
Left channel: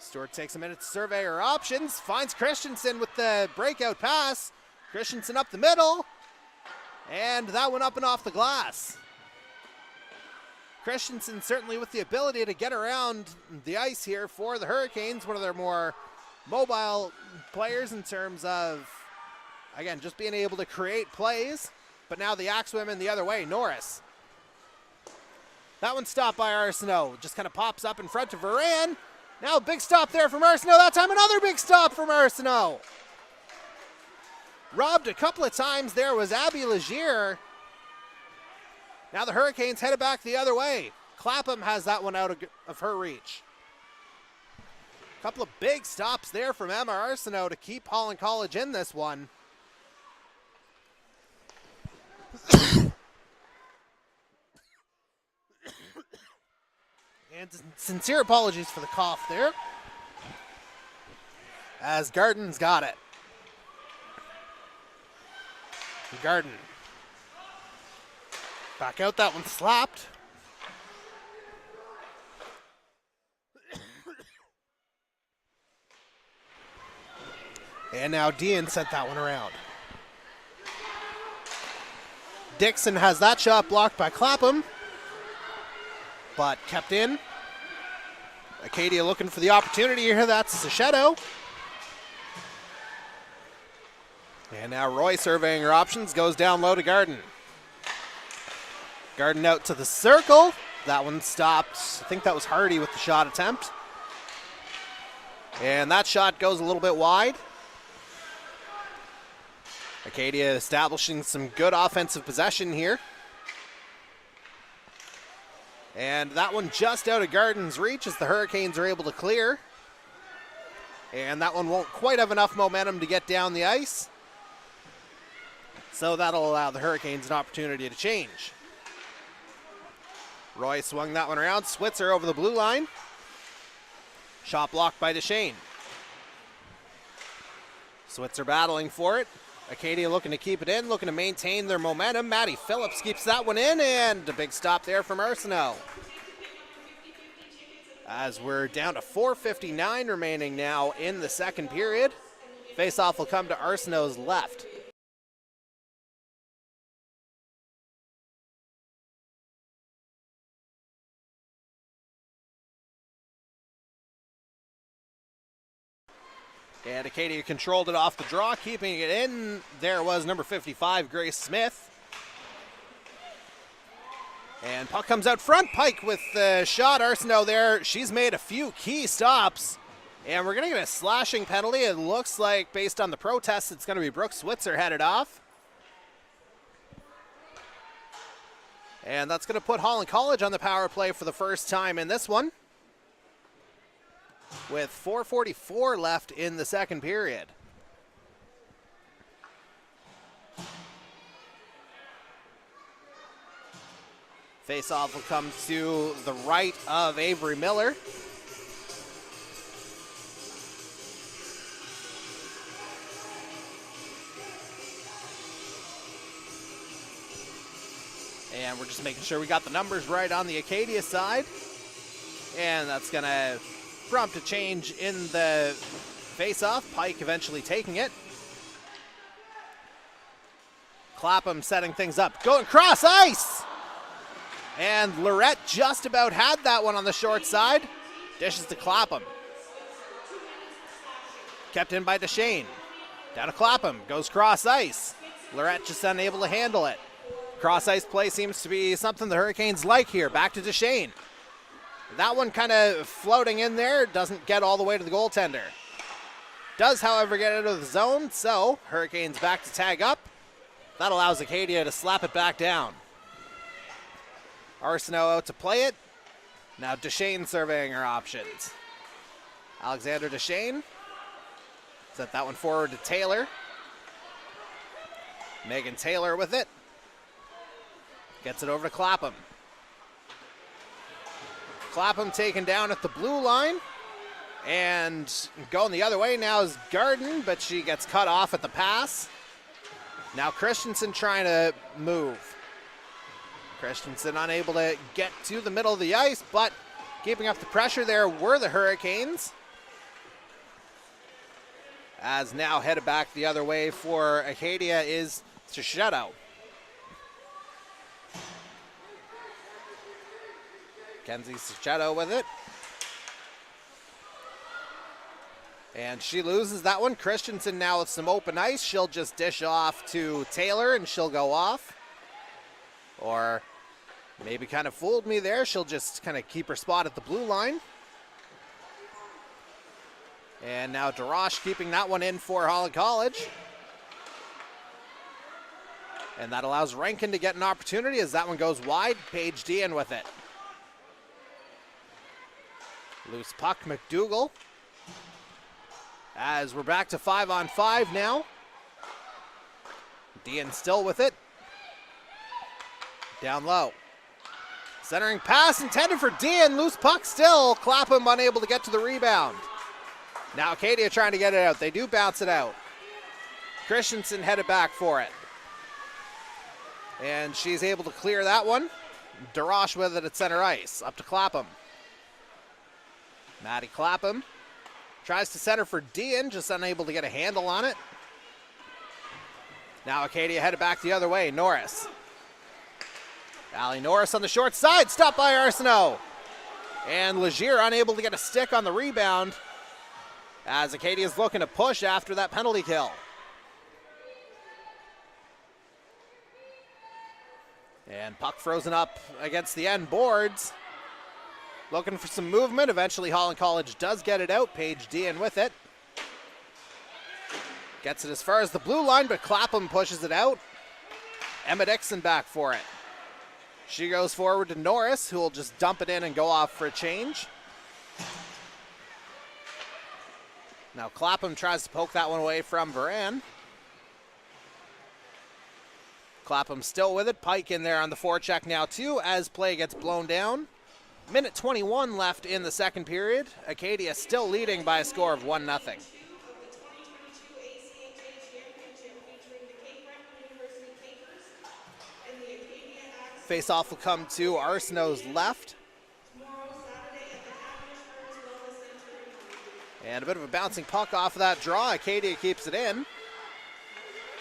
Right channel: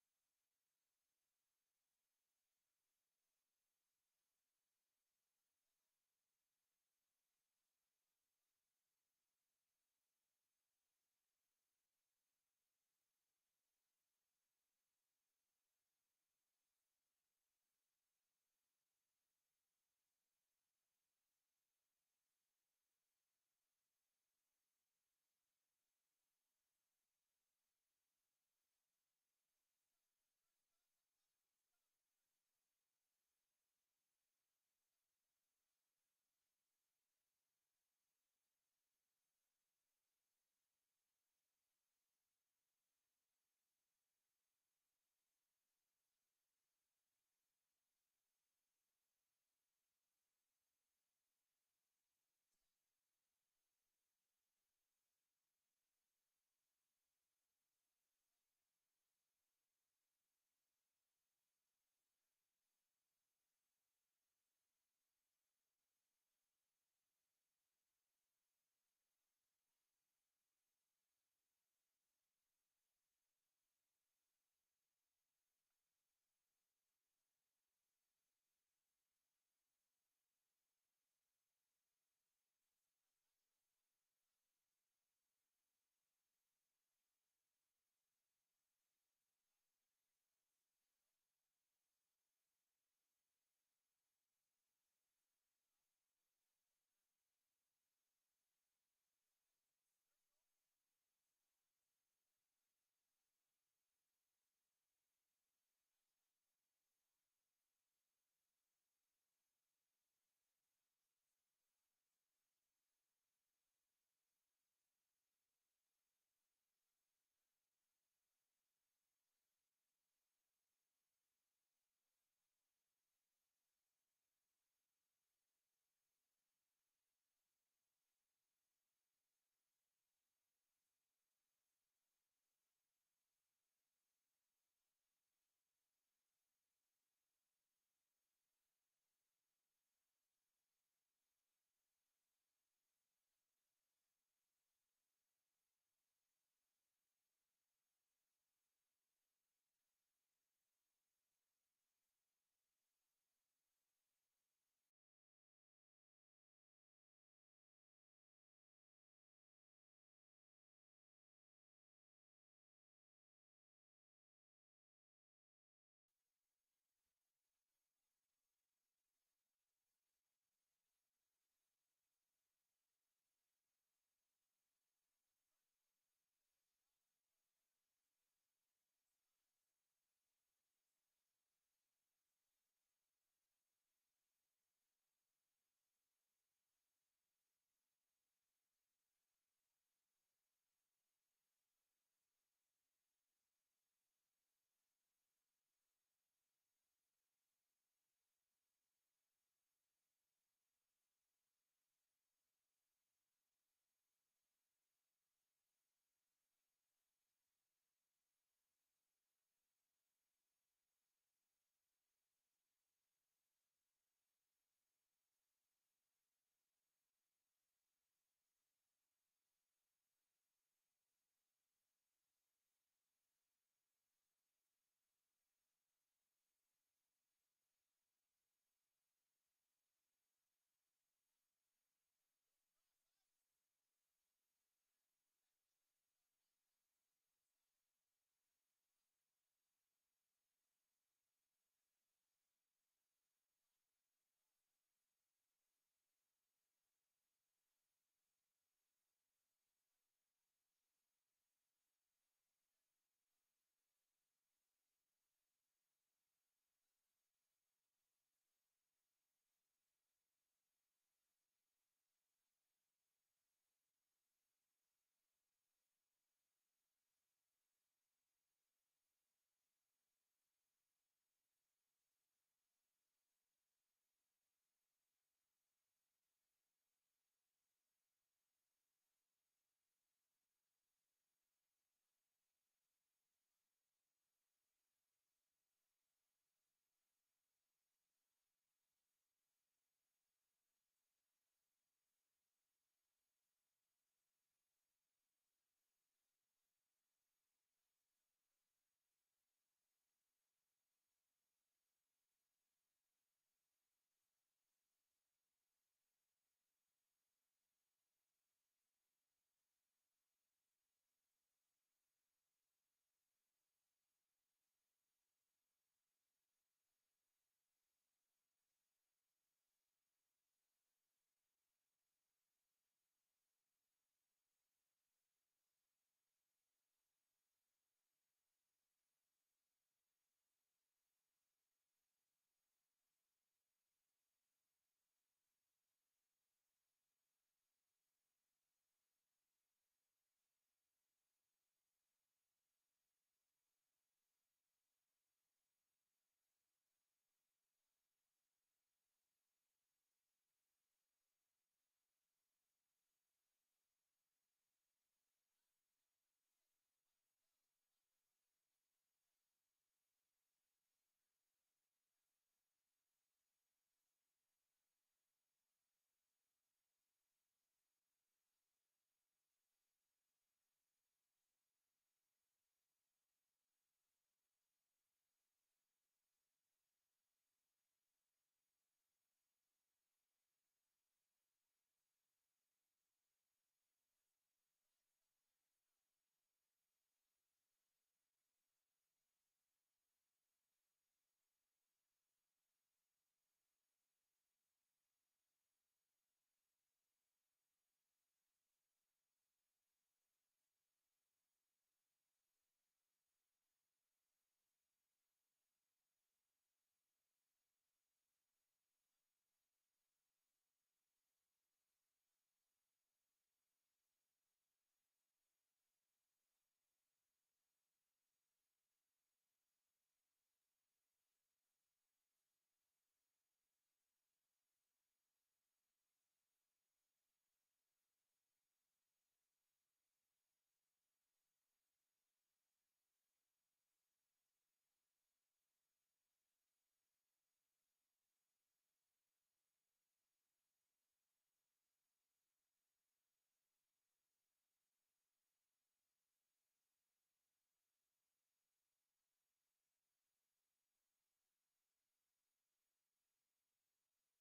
Stewart takes a minute to survey her options. Finds Christensen with the breakout pass. Christensen up the middle. And that one up and off the glass. Christensen certainly with the ability to get around the ice here for the Hurricanes. One of their more mobile players in terms of, again, just being able to create plays. But now the Axe women the other way. Norris. That one stopped by Arsenault. Just kind of pops up in front of Varan. Now a big stop there from Arsenault. That time another big stop from Arsenault. Robbed a couple of times there was Abby Legier. Now the Hurricanes headed back the other way. Clapham has that one out of her reach. A couple of big stops there from Emma Arsenault to keep Holland College in this one. And sincere apologies for the cough there, as Garden's got it. Garden. Back out, that one slapped. And now Dean sent that one around. Dixon has that shot blocked by Clapham, but kept in. Acadia looking for the opportunity here. That's Sachetto. And now Roy surveying her options, goes down low to Garden. Garden out to the circle. That one stopped. I think that was Hardy with the shot attempt. And that shot goes a little bit wide. Acadia establishing some good offensive possession here. And that one just out of Garden's reach as the Hurricanes are able to clear. And that one won't quite have enough momentum to get down the ice. So that'll allow the Hurricanes an opportunity to change. Roy swung that one around. Switzer over the blue line. Shot blocked by Deshane. Switzer battling for it. Acadia looking to keep it in, looking to maintain their momentum. Maddie Phillips keeps that one in, and a big stop there from Arsenault. As we're down to 4:59 remaining now in the second period. Faceoff will come to Arsenault's left. And Acadia controlled it off the draw, keeping it in. There was number 55, Grace Smith. And puck comes out front. Pike with the shot. Arsenault there. She's made a few key stops. And we're going to get a slashing penalty. It looks like, based on the protests, it's going to be Brooke Switzer headed off. And that's going to put Holland College on the power play for the first time in this one, with 4:44 left in the second period. Faceoff will come to the right of Avery Miller. And we're just making sure we got the numbers right on the Acadia side. And that's going to prompt a change in the face-off. Pike eventually taking it. Clapham setting things up. Going cross ice! And Lorette just about had that one on the short side. Dishes to Clapham. Kept in by Deshane. Down to Clapham. Goes cross ice. Lorette just unable to handle it. Cross ice play seems to be something the Hurricanes like here. Back to Deshane. That one kind of floating in there, doesn't get all the way to the goaltender. Does, however, get out of the zone, so Hurricanes back to tag up. That allows Acadia to slap it back down. Arsenault out to play it. Now Deshane surveying her options. Alexander Deshane. Set that one forward to Taylor. Megan Taylor with it. Gets it over to Clapham. Clapham taken down at the blue line. And going the other way now is Garden, but she gets cut off at the pass. Now Christensen trying to move. Christensen unable to get to the middle of the ice, but keeping up the pressure there were the Hurricanes. As now headed back the other way for Acadia is Sachetto. Kenzie Sachetto with it. And she loses that one. Christensen now with some open ice. She'll just dish off to Taylor and she'll go off. Or maybe kind of fooled me there. She'll just kind of keep her spot at the blue line. And now DeRoche keeping that one in for Holland College. And that allows Rankin to get an opportunity as that one goes wide. Paige Dean with it. Loose puck, McDougall. As we're back to 5-on-5 now. Dean still with it. Down low. Centering pass intended for Dean. Loose puck still. Clapham unable to get to the rebound. Now Acadia trying to get it out. They do bounce it out. Christensen headed back for it. And she's able to clear that one. DeRoche with it at center ice. Up to Clapham. Maddie Clapham tries to center for Dean, just unable to get a handle on it. Now Acadia headed back the other way. Norris. Allie Norris on the short side. Stopped by Arsenault. And Legier unable to get a stick on the rebound as Acadia's looking to push after that penalty kill. And puck frozen up against the end boards. Looking for some movement. Eventually Holland College does get it out. Paige Dean with it. Gets it as far as the blue line, but Clapham pushes it out. Emma Dixon back for it. She goes forward to Norris, who will just dump it in and go off for a change. Now Clapham tries to poke that one away from Varan. Clapham still with it. Pike in there on the forecheck now too as play gets blown down. Minute 21 left in the second period. Acadia still leading by a score of 1-0. Face-off will come to Arsenault's left. And a bit of a bouncing puck off of that draw. Acadia keeps it in.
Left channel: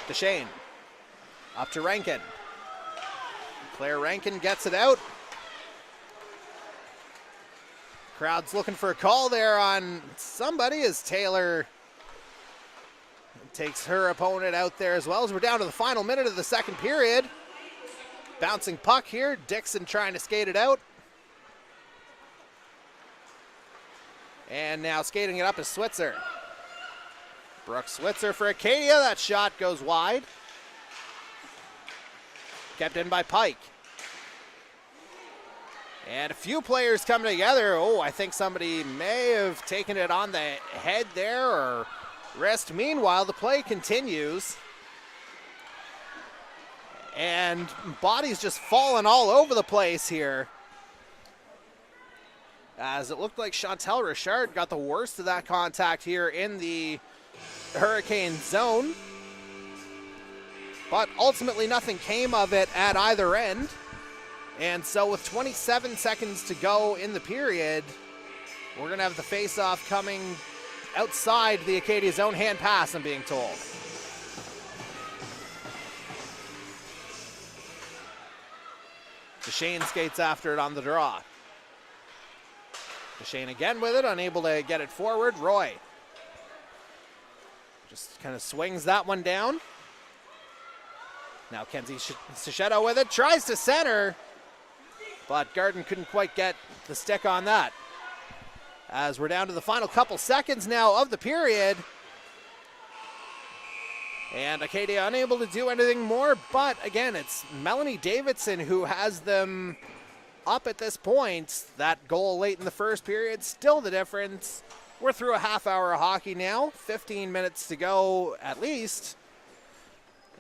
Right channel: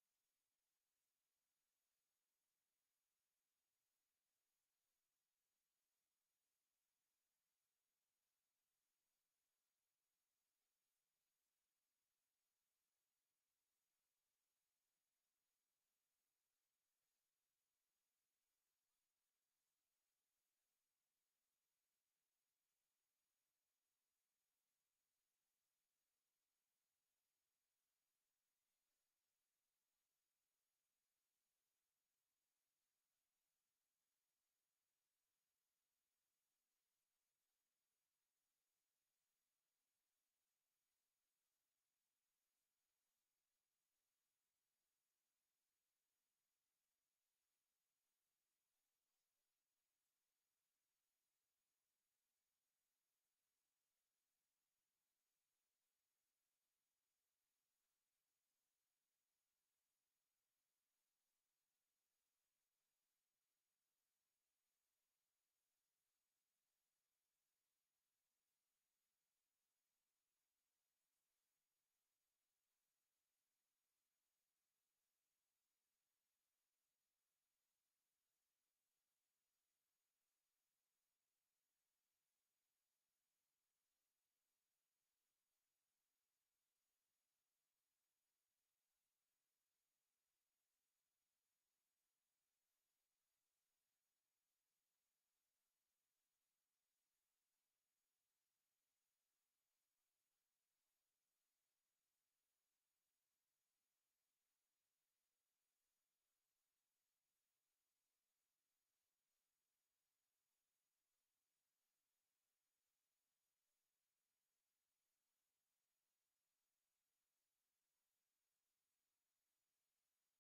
Deshane. Up to Rankin. Claire Rankin gets it out. Crowd's looking for a call there on somebody as Taylor takes her opponent out there as well as we're down to the final minute of the second period. Bouncing puck here. Dixon trying to skate it out. And now skating it up is Switzer. Brooke Switzer for Acadia. That shot goes wide. Kept in by Pike. And a few players coming together. Oh, I think somebody may have taken it on the head there or wrist. Meanwhile, the play continues. And bodies just falling all over the place here. As it looked like Chantel Richard got the worst of that contact here in the Hurricane zone. But ultimately nothing came of it at either end. And so with 27 seconds to go in the period, we're going to have the face-off coming outside the Acadia zone. Hand pass, I'm being told. Deshane skates after it on the draw. Deshane again with it, unable to get it forward. Roy just kind of swings that one down. Now Kenzie Sachetto with it, tries to center, but Garden couldn't quite get the stick on that. As we're down to the final couple seconds now of the period. And Acadia unable to do anything more, but again, it's Melanie Davidson who has them up at this point. That goal late in the first period, still the difference. We're through a half hour of hockey now, 15 minutes to go at least.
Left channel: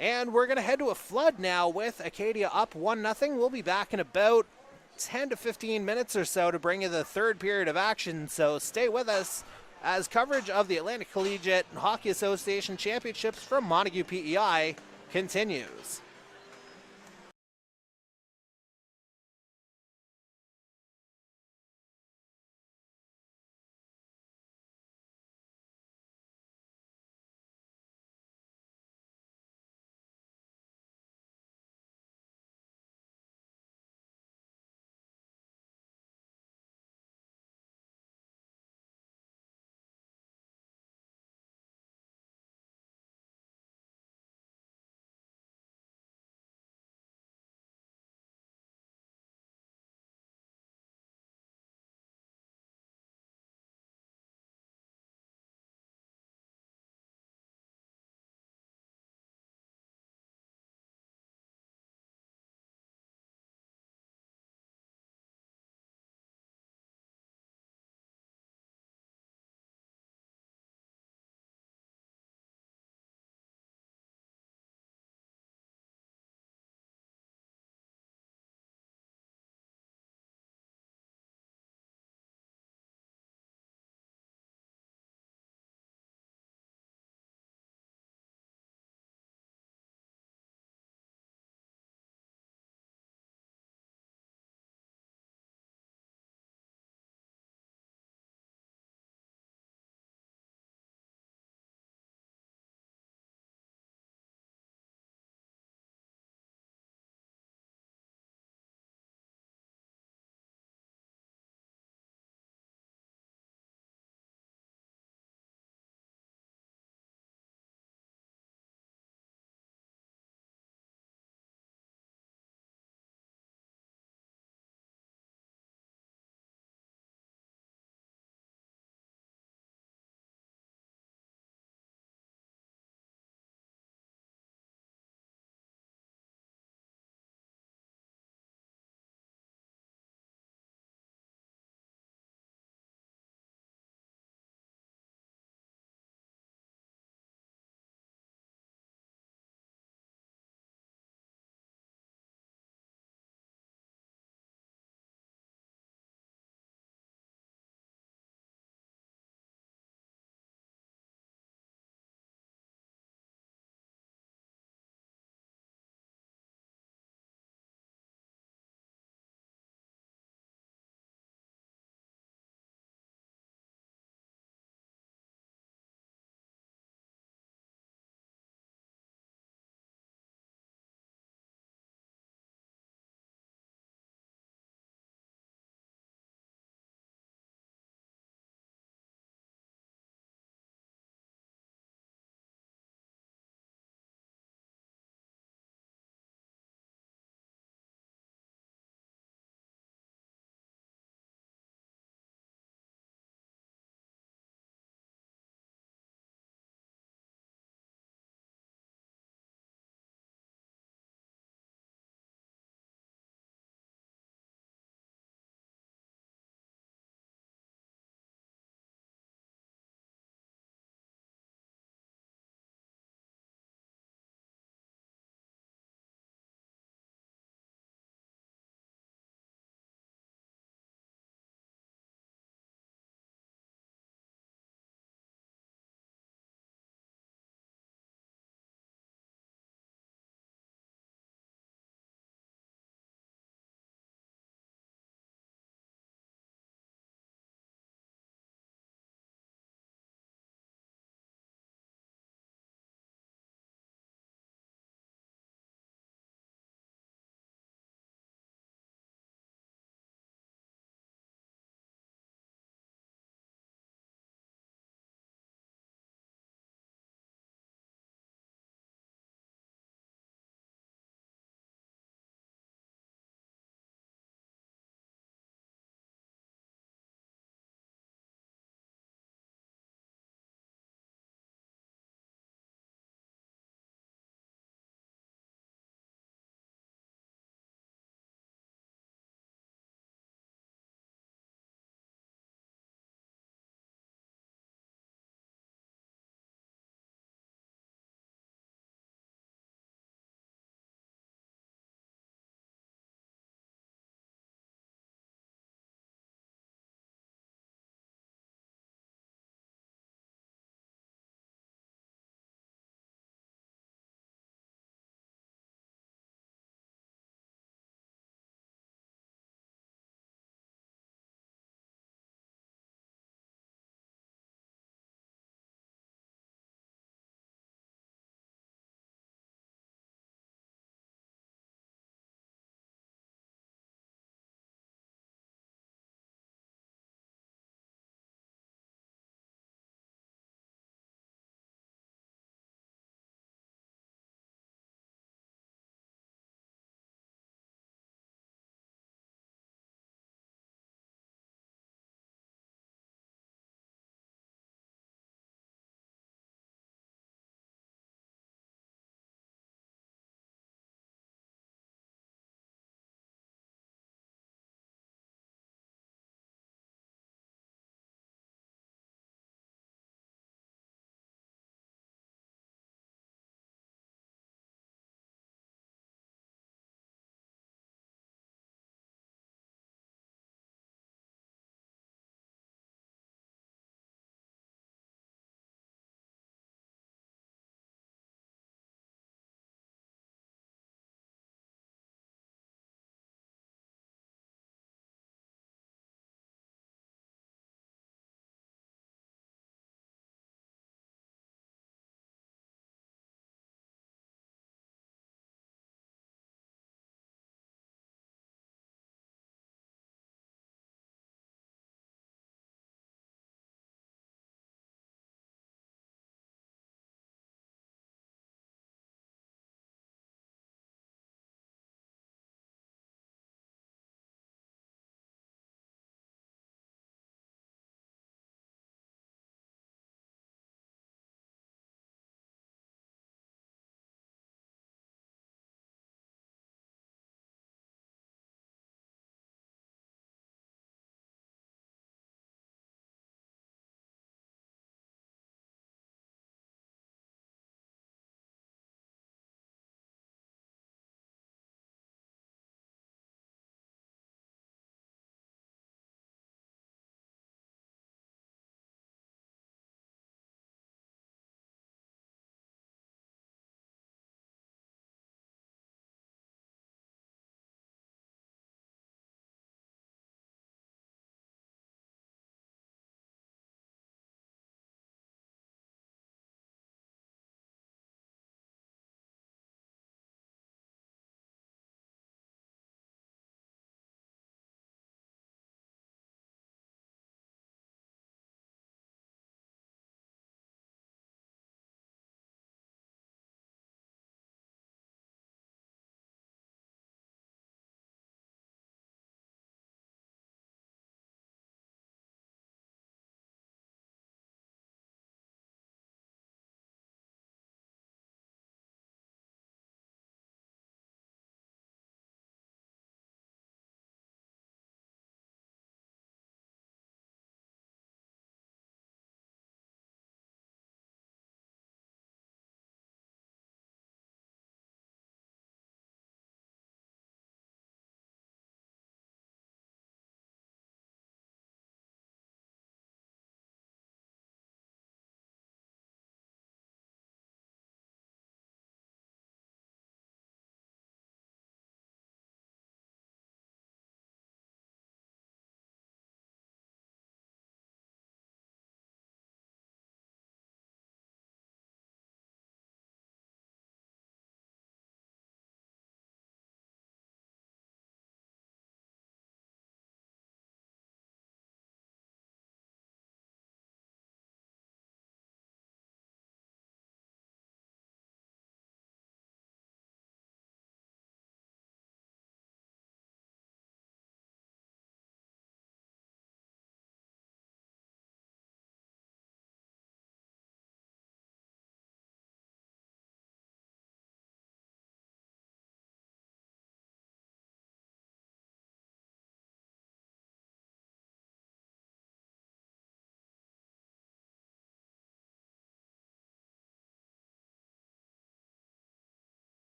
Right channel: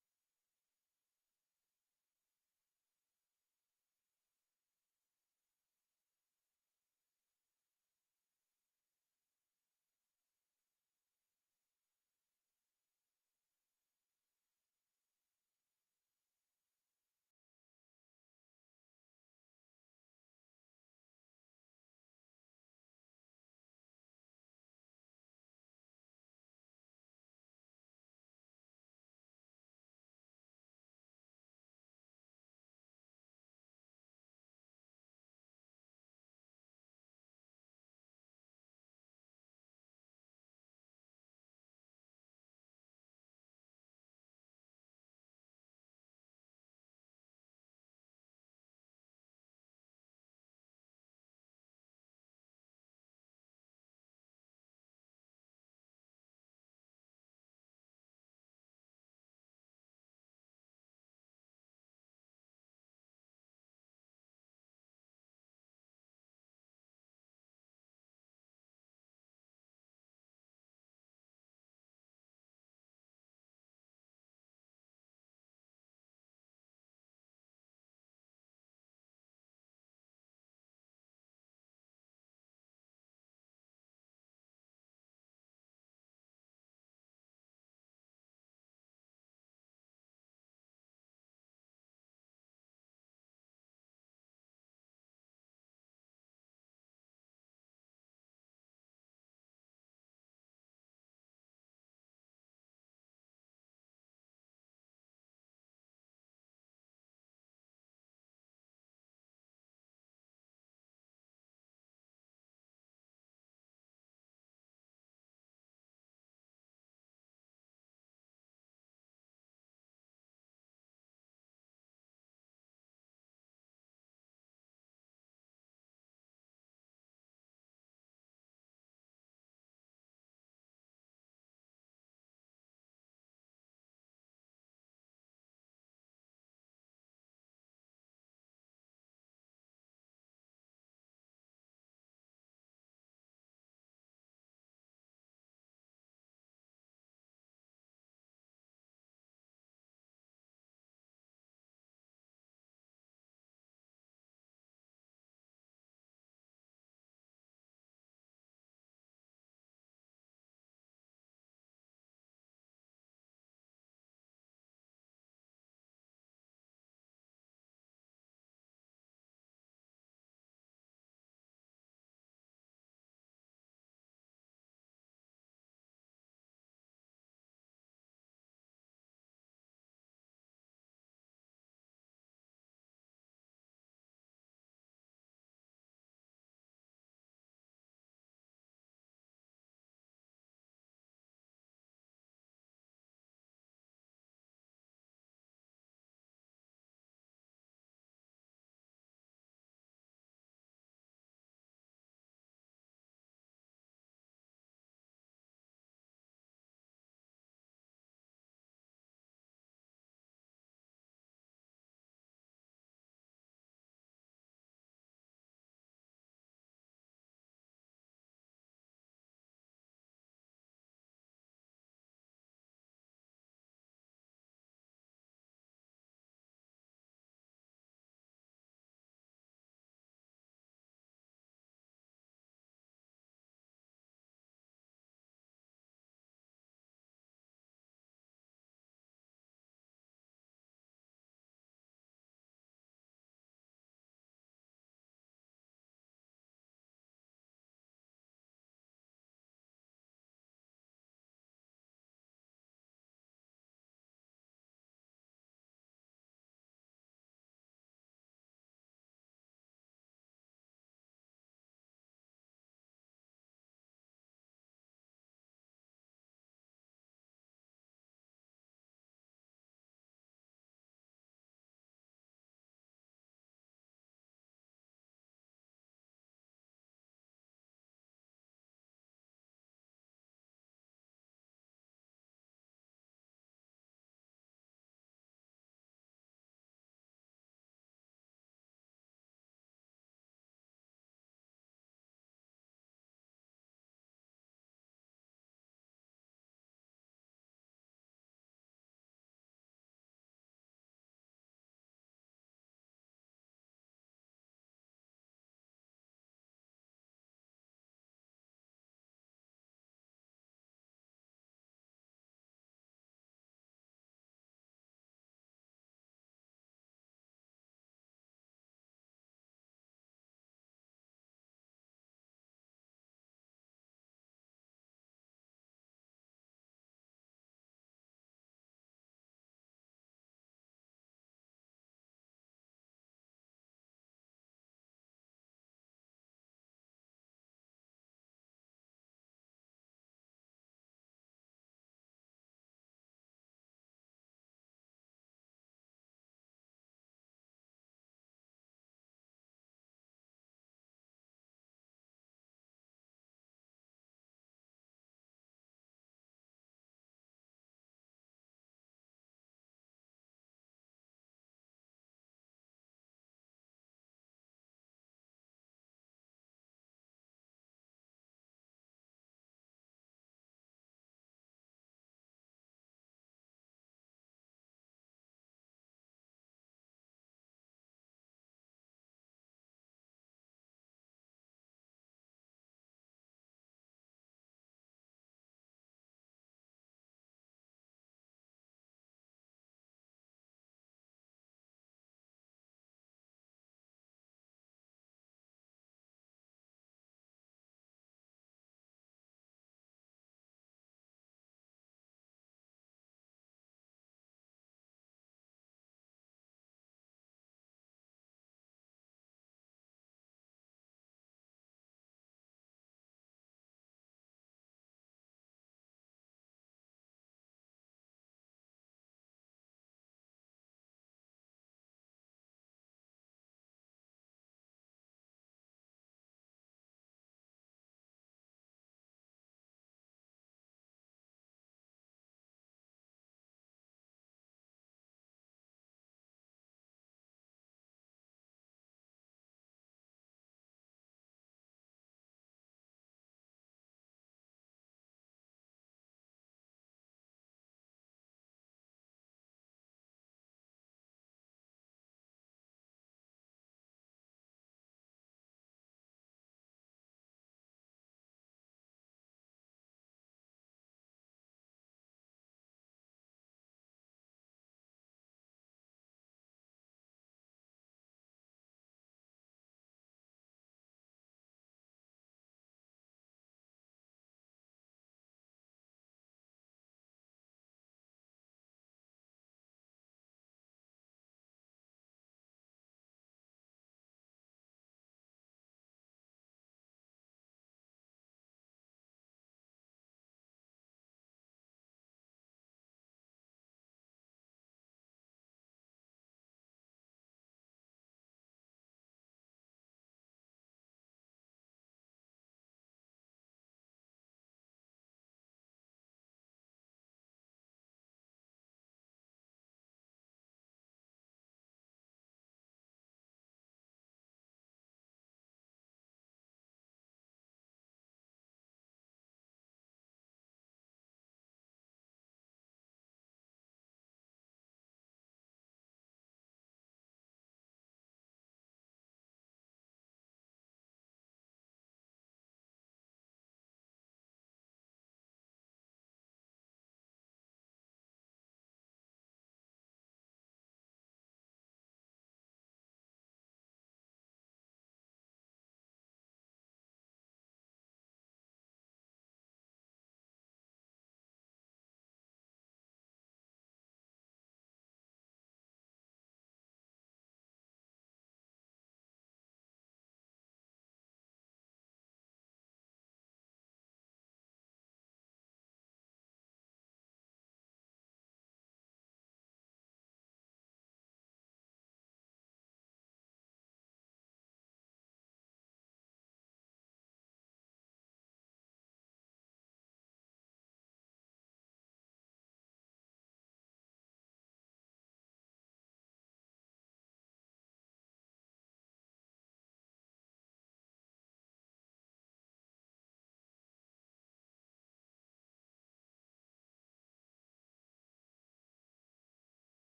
And we're going to head to a flood now with Acadia up 1-0. We'll be back in about 10 to 15 minutes or so to bring you the third period of action. So stay with us as coverage of the Atlantic Collegiate Hockey Association Championships from Montague PEI continues.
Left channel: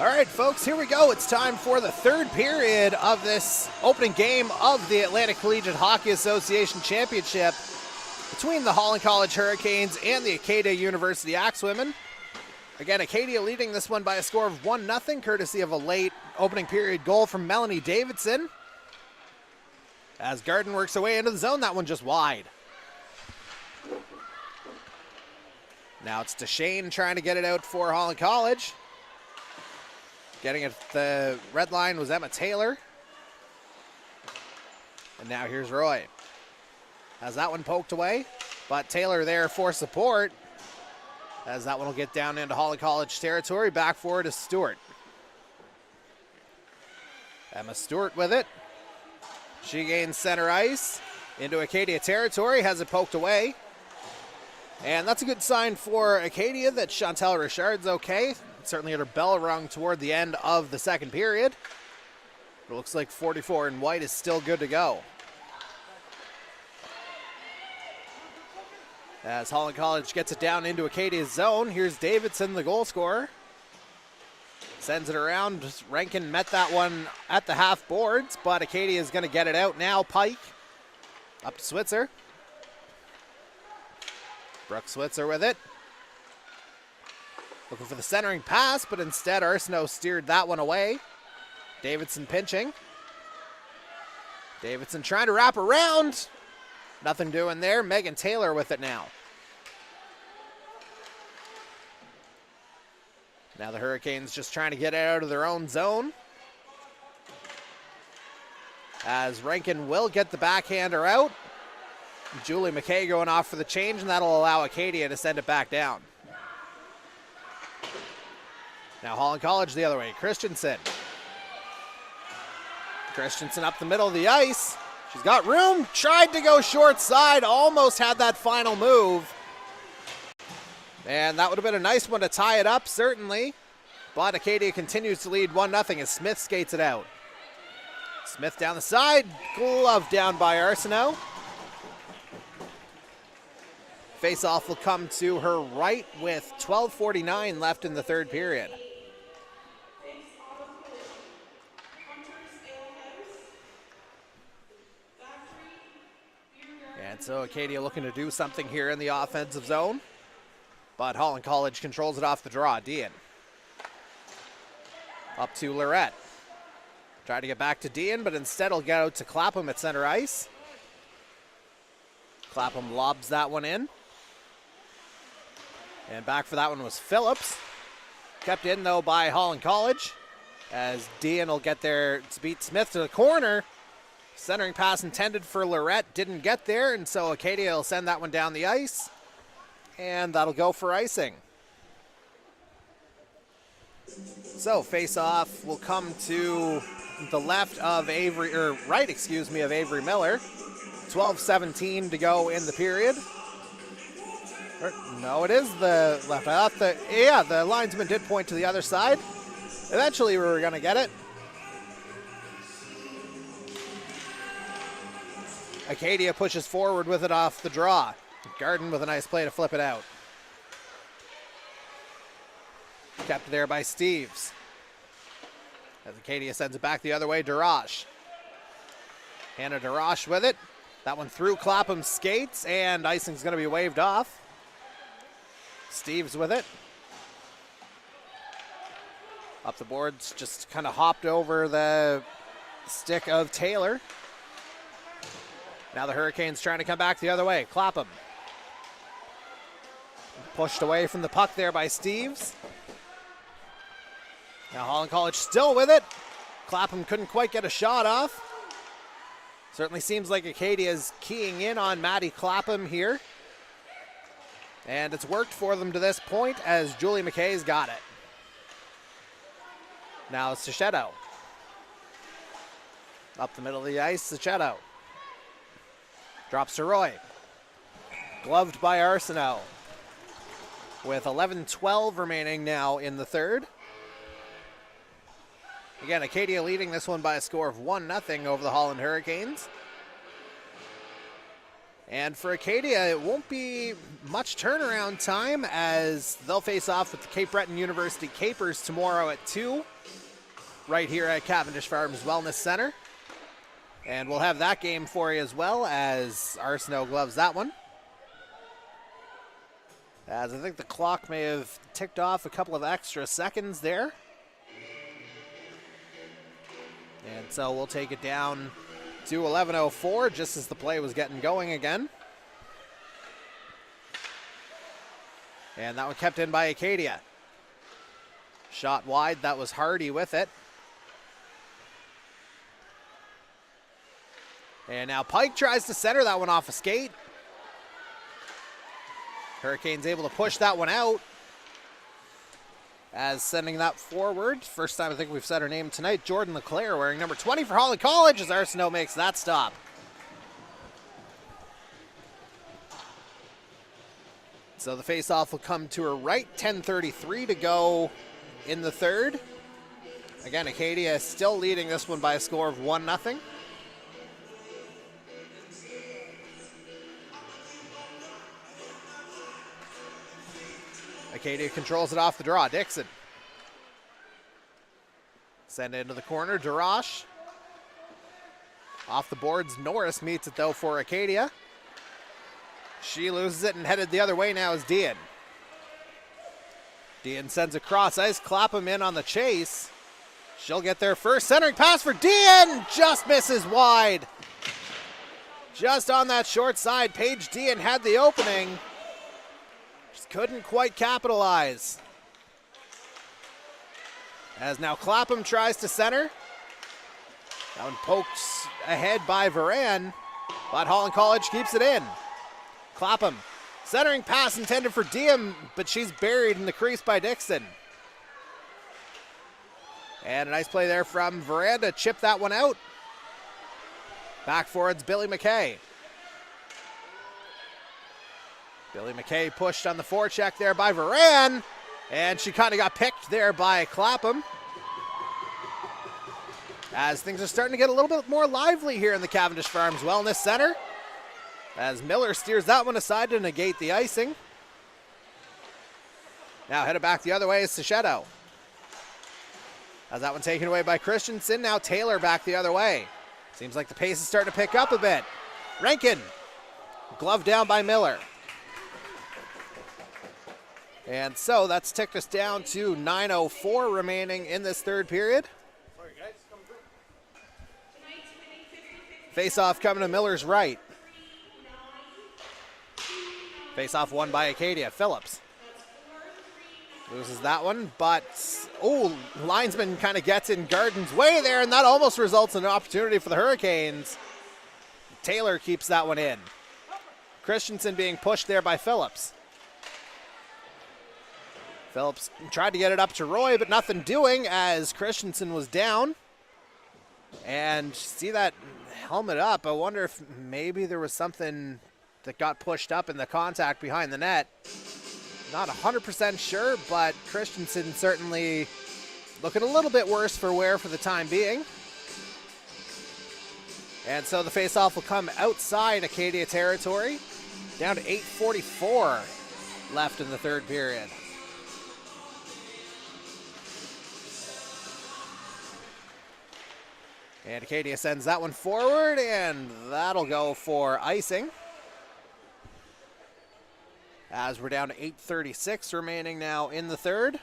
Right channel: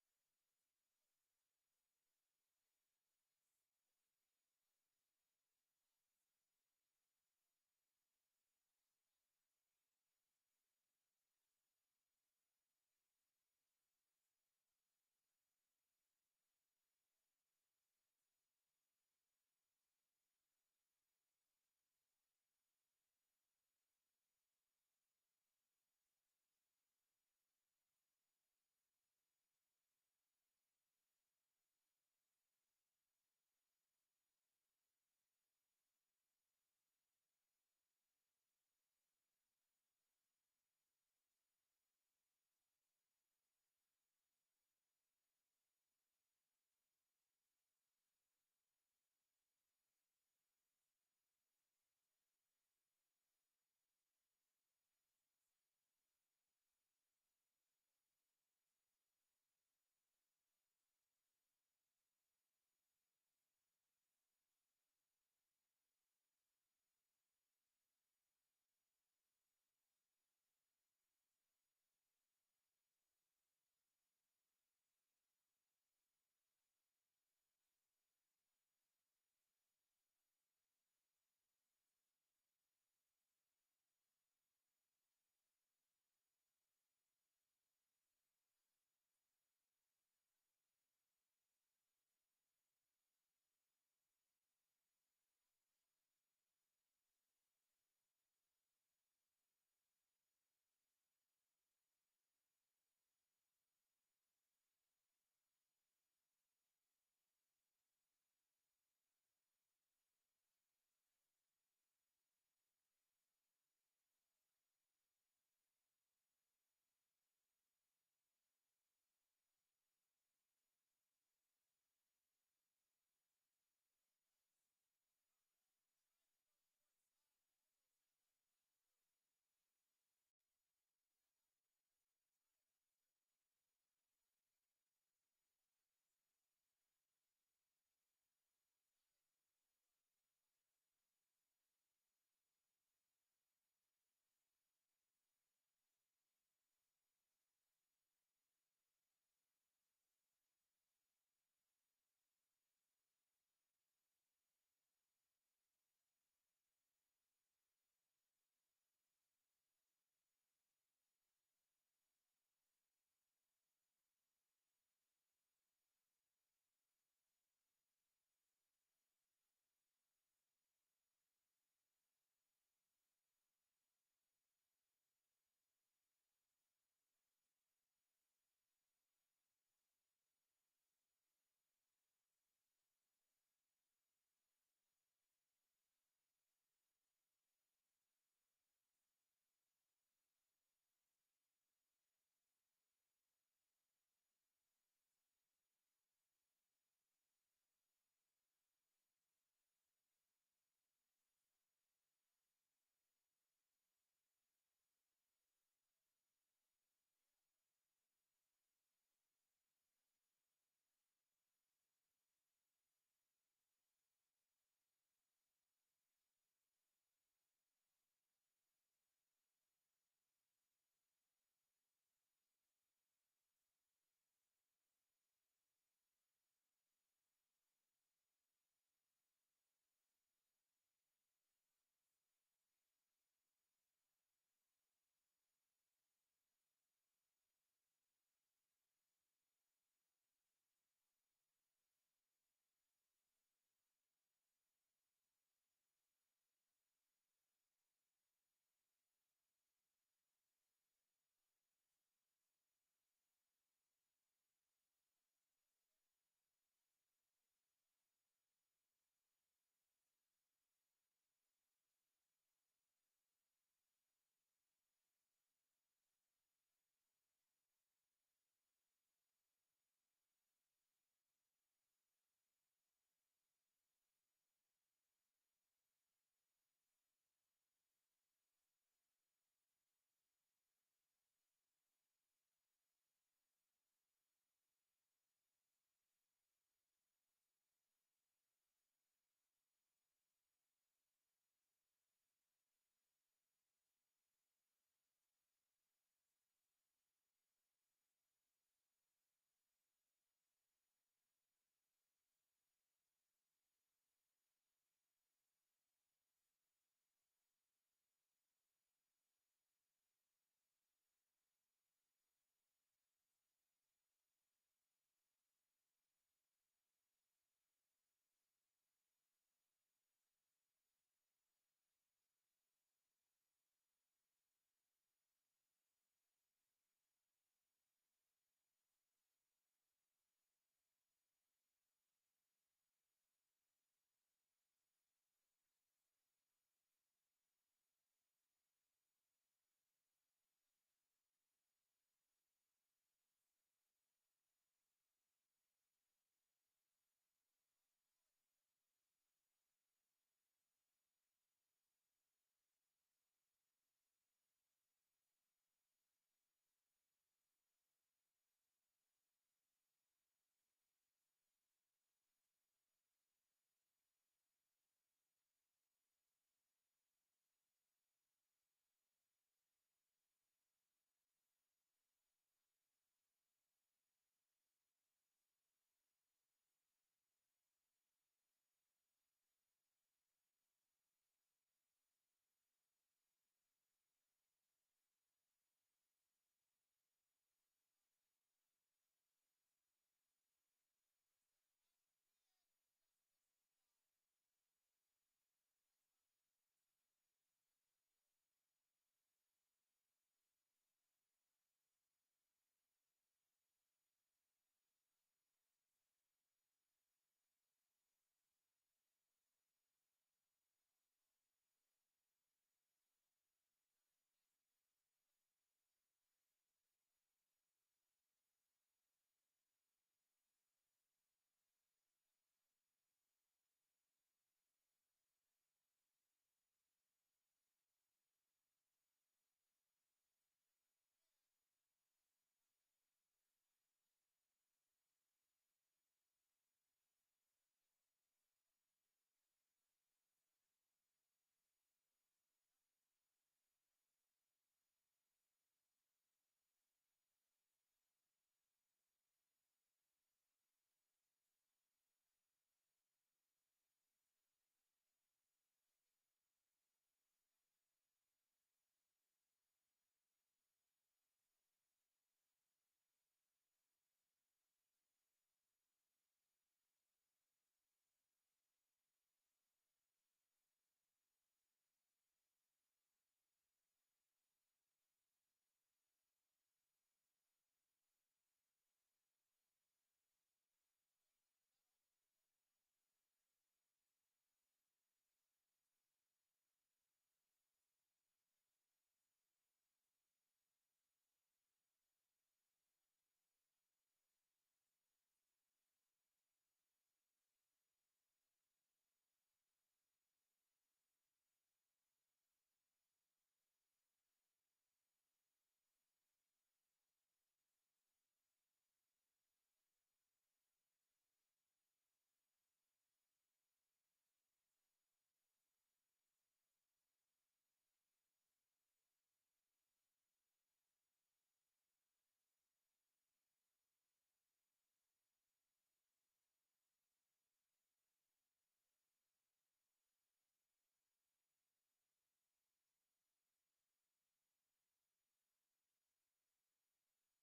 All right, folks, here we go. It's time for the third period of this opening game of the Atlantic Collegiate Hockey Association Championship between the Holland College Hurricanes and the Acadia University Axewomen. Again, Acadia leading this one by a score of 1-0, courtesy of a late opening period goal from Melanie Davidson. As Garden works away into the zone, that one just wide. Now it's DeShane trying to get it out for Holland College. Getting it at the red line was Emma Taylor. And now here's Roy. Has that one poked away, but Taylor there for support. As that one will get down into Holland College territory. Back forward is Stewart. Emma Stewart with it. She gains center ice into Acadia territory. Has it poked away. And that's a good sign for Acadia that Chantel Richard's okay. Certainly had her bell rung toward the end of the second period. It looks like 44 in white is still good to go. As Holland College gets it down into Acadia's zone, here's Davidson, the goal scorer. Sends it around. Rankin met that one at the half boards, but Acadia is going to get it out now. Pike up to Switzer. Brooke Switzer with it. Looking for the centering pass, but instead Arsenault steered that one away. Davidson pinching. Davidson trying to wrap around. Nothing doing there. Megan Taylor with it now. Now the Hurricanes just trying to get it out of their own zone. As Rankin will get the backhander out. Julie McKay going off for the change, and that'll allow Acadia to send it back down. Now Holland College the other way. Christensen. Christensen up the middle of the ice. She's got room. Tried to go short side. Almost had that final move. And that would have been a nice one to tie it up, certainly. But Acadia continues to lead 1-0 as Smith skates it out. Smith down the side. Glove down by Arsenault. Face-off will come to her right with 12:49 left in the third period. And so Acadia looking to do something here in the offensive zone. But Holland College controls it off the draw. Dean. Up to Lorette. Try to get back to Dean, but instead he'll get out to Clapham at center ice. Clapham lobs that one in. And back for that one was Phillips. Kept in, though, by Holland College. As Dean will get there to beat Smith to the corner. Centering pass intended for Lorette didn't get there, and so Acadia will send that one down the ice. And that'll go for icing. So face-off will come to the left of Avery, or right, excuse me, of Avery Miller. 12:17 to go in the period. No, it is the left. I thought the linesman did point to the other side. Eventually we were going to get it. Acadia pushes forward with it off the draw. Garden with a nice play to flip it out. Kept there by Steves. As Acadia sends it back the other way, Darash. Hannah Darash with it. That one through Clapham's skates, and icing's going to be waved off. Steves with it. Up the boards, just kind of hopped over the stick of Taylor. Now the Hurricanes trying to come back the other way. Clapham. Pushed away from the puck there by Steves. Now Holland College still with it. Clapham couldn't quite get a shot off. Certainly seems like Acadia is keying in on Maddie Clapham here. And it's worked for them to this point as Julie McKay's got it. Now it's Sachetto. Up the middle of the ice, Sachetto. Drops to Roy. Gloved by Arsenault. With 11:12 remaining now in the third. Again, Acadia leading this one by a score of 1-0 over the Holland Hurricanes. And for Acadia, it won't be much turnaround time as they'll face off with the Cape Breton University Capers tomorrow at 2, right here at Cavendish Farms Wellness Center. And we'll have that game for you as well as Arsenault gloves that one. As I think the clock may have ticked off a couple of extra seconds there. And so we'll take it down to 11:04 just as the play was getting going again. And that one kept in by Acadia. Shot wide, that was Hardy with it. And now Pike tries to center that one off a skate. Hurricanes able to push that one out. As sending that forward, first time I think we've said her name tonight, Jordan LeClaire wearing number 20 for Holland College as Arsenault makes that stop. So the faceoff will come to her right, 10:33 to go in the third. Again, Acadia still leading this one by a score of 1-0. Acadia controls it off the draw. Dixon. Send it into the corner. Darash. Off the boards. Norris meets it though for Acadia. She loses it and headed the other way now is Dean. Dean sends a cross ice. Clapham in on the chase. She'll get there first. Centering pass for Dean. Just misses wide. Just on that short side. Paige Dean had the opening. Just couldn't quite capitalize. As now Clapham tries to center. That one poked ahead by Varan, but Holland College keeps it in. Clapham, centering pass intended for Diem, but she's buried in the crease by Dixon. And a nice play there from Varan to chip that one out. Back forwards, Billy McKay. Billy McKay pushed on the forecheck there by Varan, and she kind of got picked there by Clapham. As things are starting to get a little bit more lively here in the Cavendish Farms Wellness Center. As Miller steers that one aside to negate the icing. Now headed back the other way is Sachetto. As that one taken away by Christensen, now Taylor back the other way. Seems like the pace is starting to pick up a bit. Rankin, glove down by Miller. And so that's ticked us down to 9:04 remaining in this third period. Face-off coming to Miller's right. Face-off won by Acadia. Phillips loses that one, but linesman kind of gets in Garden's way there, and that almost results in an opportunity for the Hurricanes. Taylor keeps that one in. Christensen being pushed there by Phillips. Phillips tried to get it up to Roy, but nothing doing as Christensen was down. And see that helmet up. I wonder if maybe there was something that got pushed up in the contact behind the net. Not 100% sure, but Christensen certainly looking a little bit worse for wear for the time being. And so the faceoff will come outside Acadia territory. Down to 8:44 left in the third period. And Acadia sends that one forward, and that'll go for icing. As we're down to 8:36 remaining now in the third.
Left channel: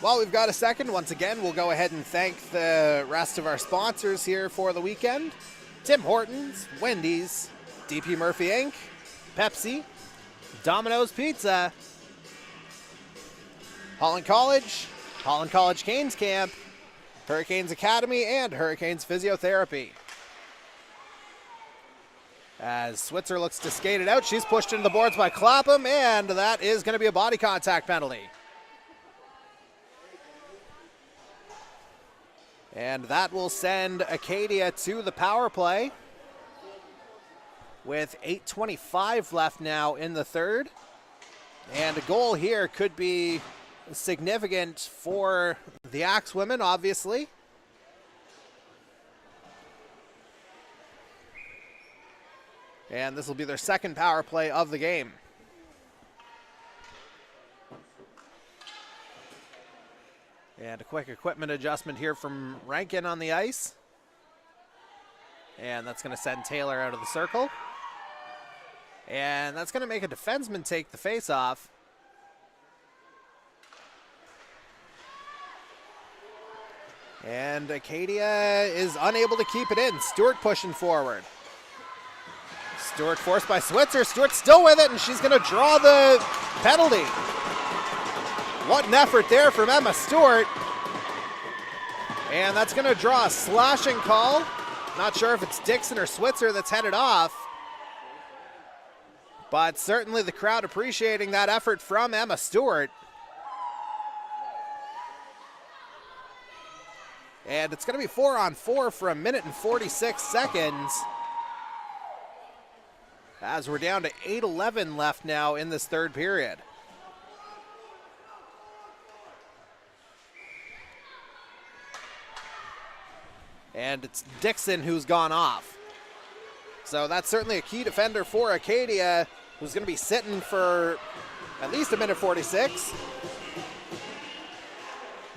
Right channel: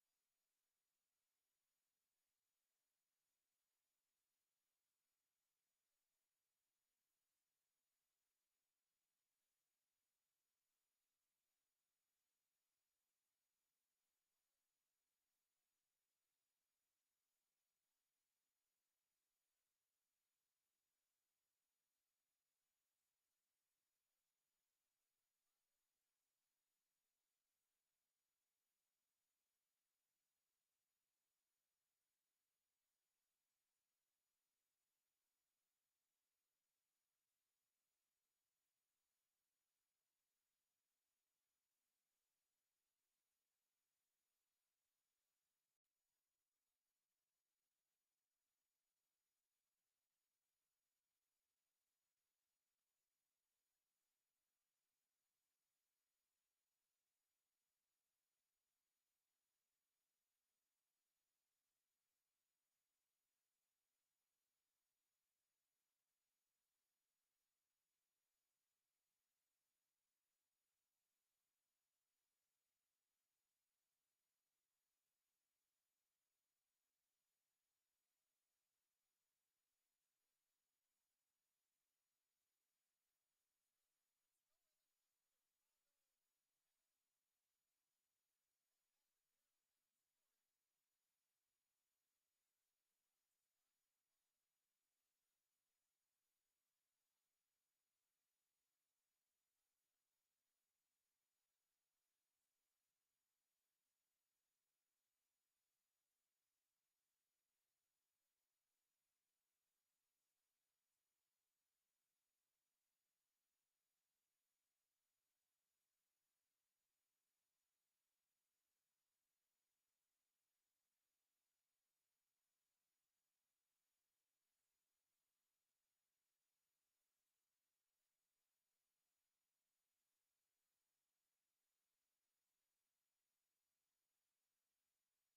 While we've got a second, once again, we'll go ahead and thank the rest of our sponsors here for the weekend. Tim Hortons, Wendy's, DP Murphy Inc., Pepsi, Domino's Pizza, Holland College Canes Camp, Hurricanes Academy, and Hurricanes Physiotherapy. As Switzer looks to skate it out, she's pushed into the boards by Clapham, and that is going to be a body contact penalty. And that will send Acadia to the power play with 8:25 left now in the third. And a goal here could be significant for the Axe women, obviously. And this will be their second power play of the game. And a quick equipment adjustment here from Rankin on the ice. And that's going to send Taylor out of the circle. And that's going to make a defenseman take the face-off. And Acadia is unable to keep it in. Stewart pushing forward. Stewart forced by Switzer. Stewart's still with it, and she's going to draw the penalty. What an effort there from Emma Stewart. And that's going to draw a slashing call. Not sure if it's Dixon or Switzer that's headed off. But certainly the crowd appreciating that effort from Emma Stewart. And it's going to be 4-on-4 for 1:46 seconds. As we're down to 8:11 left now in this third period. And it's Dixon who's gone off. So that's certainly a key defender for Acadia, who's going to be sitting for at least 1:46.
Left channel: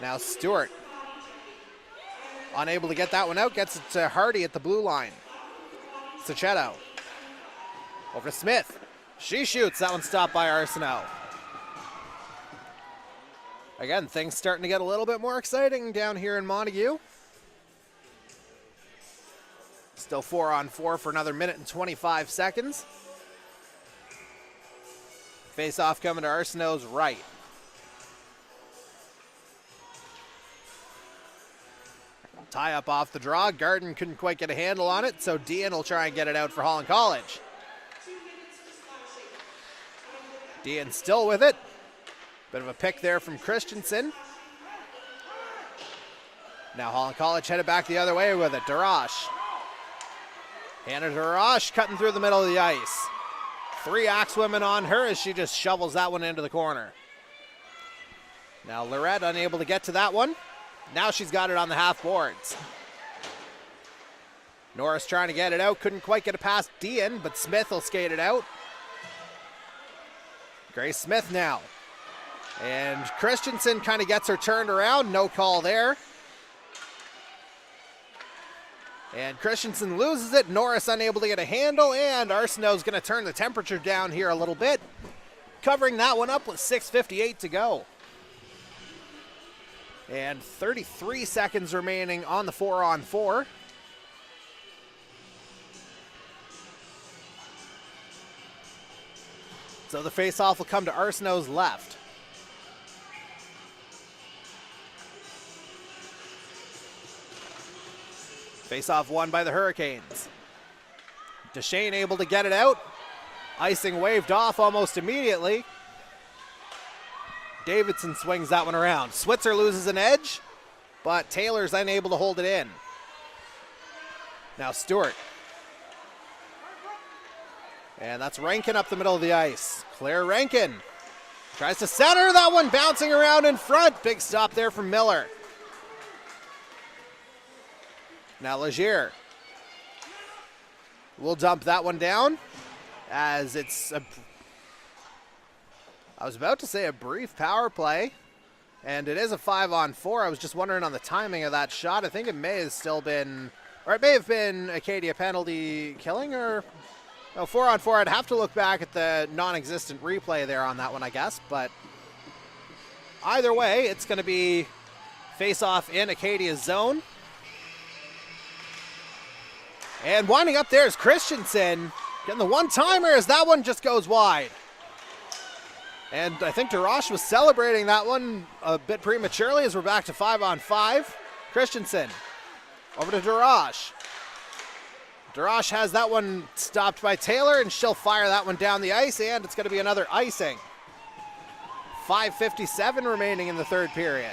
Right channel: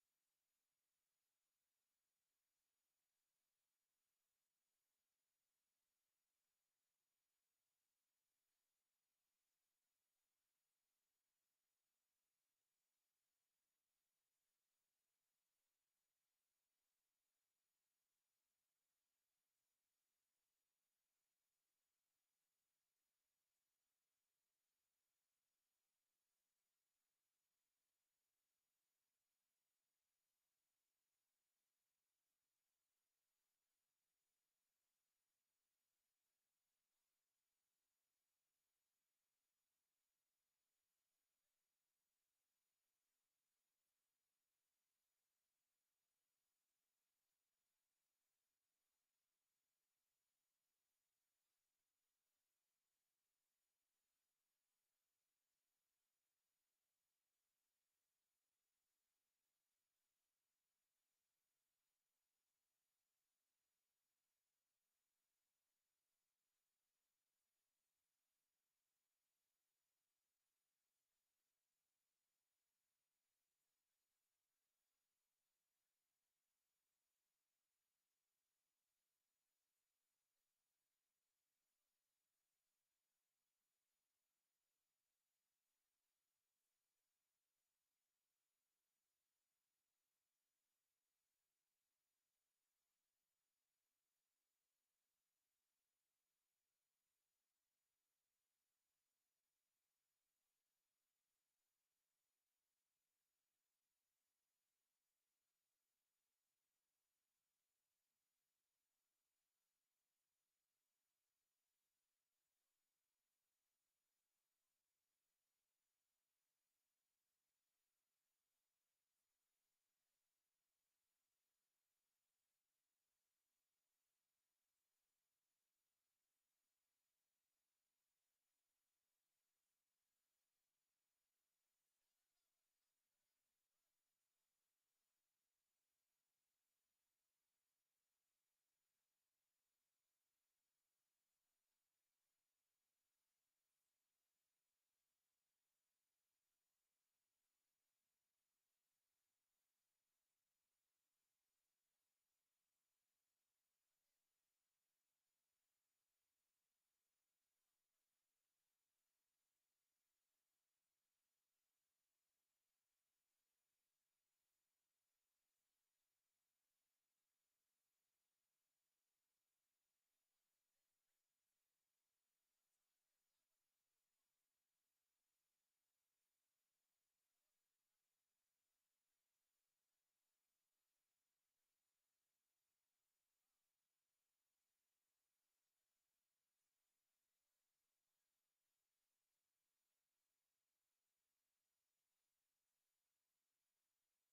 Now Stewart, unable to get that one out, gets it to Hardy at the blue line. Sachetto. Over to Smith. She shoots. That one stopped by Arsenault. Again, things starting to get a little bit more exciting down here in Montague. Still 4-on-4 for another 1:25 seconds. Face-off coming to Arsenault's right. Tie up off the draw. Garden couldn't quite get a handle on it, so Dean will try and get it out for Holland College. Dean still with it. Bit of a pick there from Christensen. Now Holland College headed back the other way with it. Darash. Hannah Darash cutting through the middle of the ice. 3 Axewomen on her as she just shovels that one into the corner. Now Lorette unable to get to that one. Now she's got it on the half boards. Norris trying to get it out. Couldn't quite get it past Dean, but Smith will skate it out. Grace Smith now. And Christensen kind of gets her turned around. No call there. And Christensen loses it. Norris unable to get a handle. And Arsenault's going to turn the temperature down here a little bit. Covering that one up with 6:58 to go. And 33 seconds remaining on the 4-on-4. So the face-off will come to Arsenault's left. Face-off won by the Hurricanes. Deshane able to get it out. Icing waved off almost immediately. Davidson swings that one around. Switzer loses an edge, but Taylor's unable to hold it in. Now Stewart. And that's Rankin up the middle of the ice. Claire Rankin tries to center. That one bouncing around in front. Big stop there from Miller. Now Legier will dump that one down as it's I was about to say a brief power play, and it is a 5-on-4. I was just wondering on the timing of that shot. I think it may have still been, or it may have been Acadia penalty killing, or no, 4-on-4. I'd have to look back at the non-existent replay there on that one, I guess, but either way, it's going to be face-off in Acadia's zone. And winding up there is Christensen getting the one-timer as that one just goes wide. And I think Darash was celebrating that one a bit prematurely as we're back to 5-on-5. Christensen over to Darash. Darash has that one stopped by Taylor, and she'll fire that one down the ice, and it's going to be another icing. 5:57 remaining in the third period.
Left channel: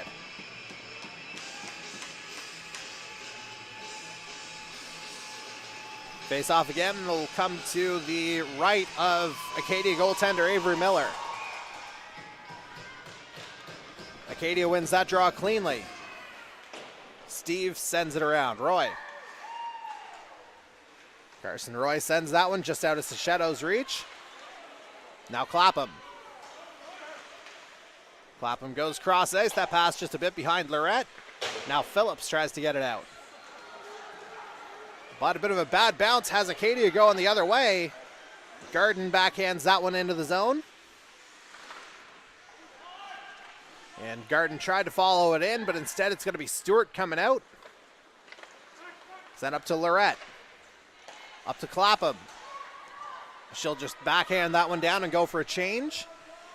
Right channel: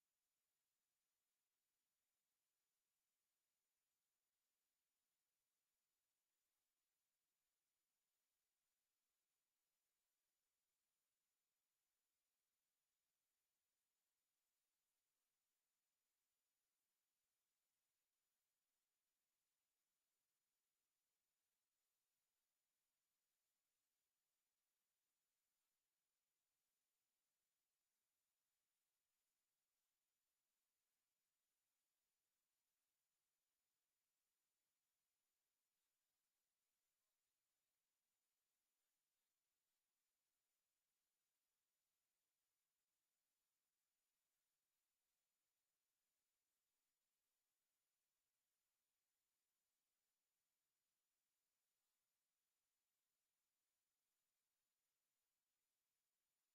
Face off again, and it'll come to the right of Acadia goaltender Avery Miller. Acadia wins that draw cleanly. Steve sends it around. Roy. Carson Roy sends that one just out of Sachetto's reach. Now Clapham. Clapham goes cross ice. That pass just a bit behind Lorette. Now Phillips tries to get it out. But a bit of a bad bounce has Acadia going the other way. Garden backhands that one into the zone. And Garden tried to follow it in, but instead it's going to be Stewart coming out. Sent up to Lorette. Up to Clapham. She'll just backhand that one down and go for a change.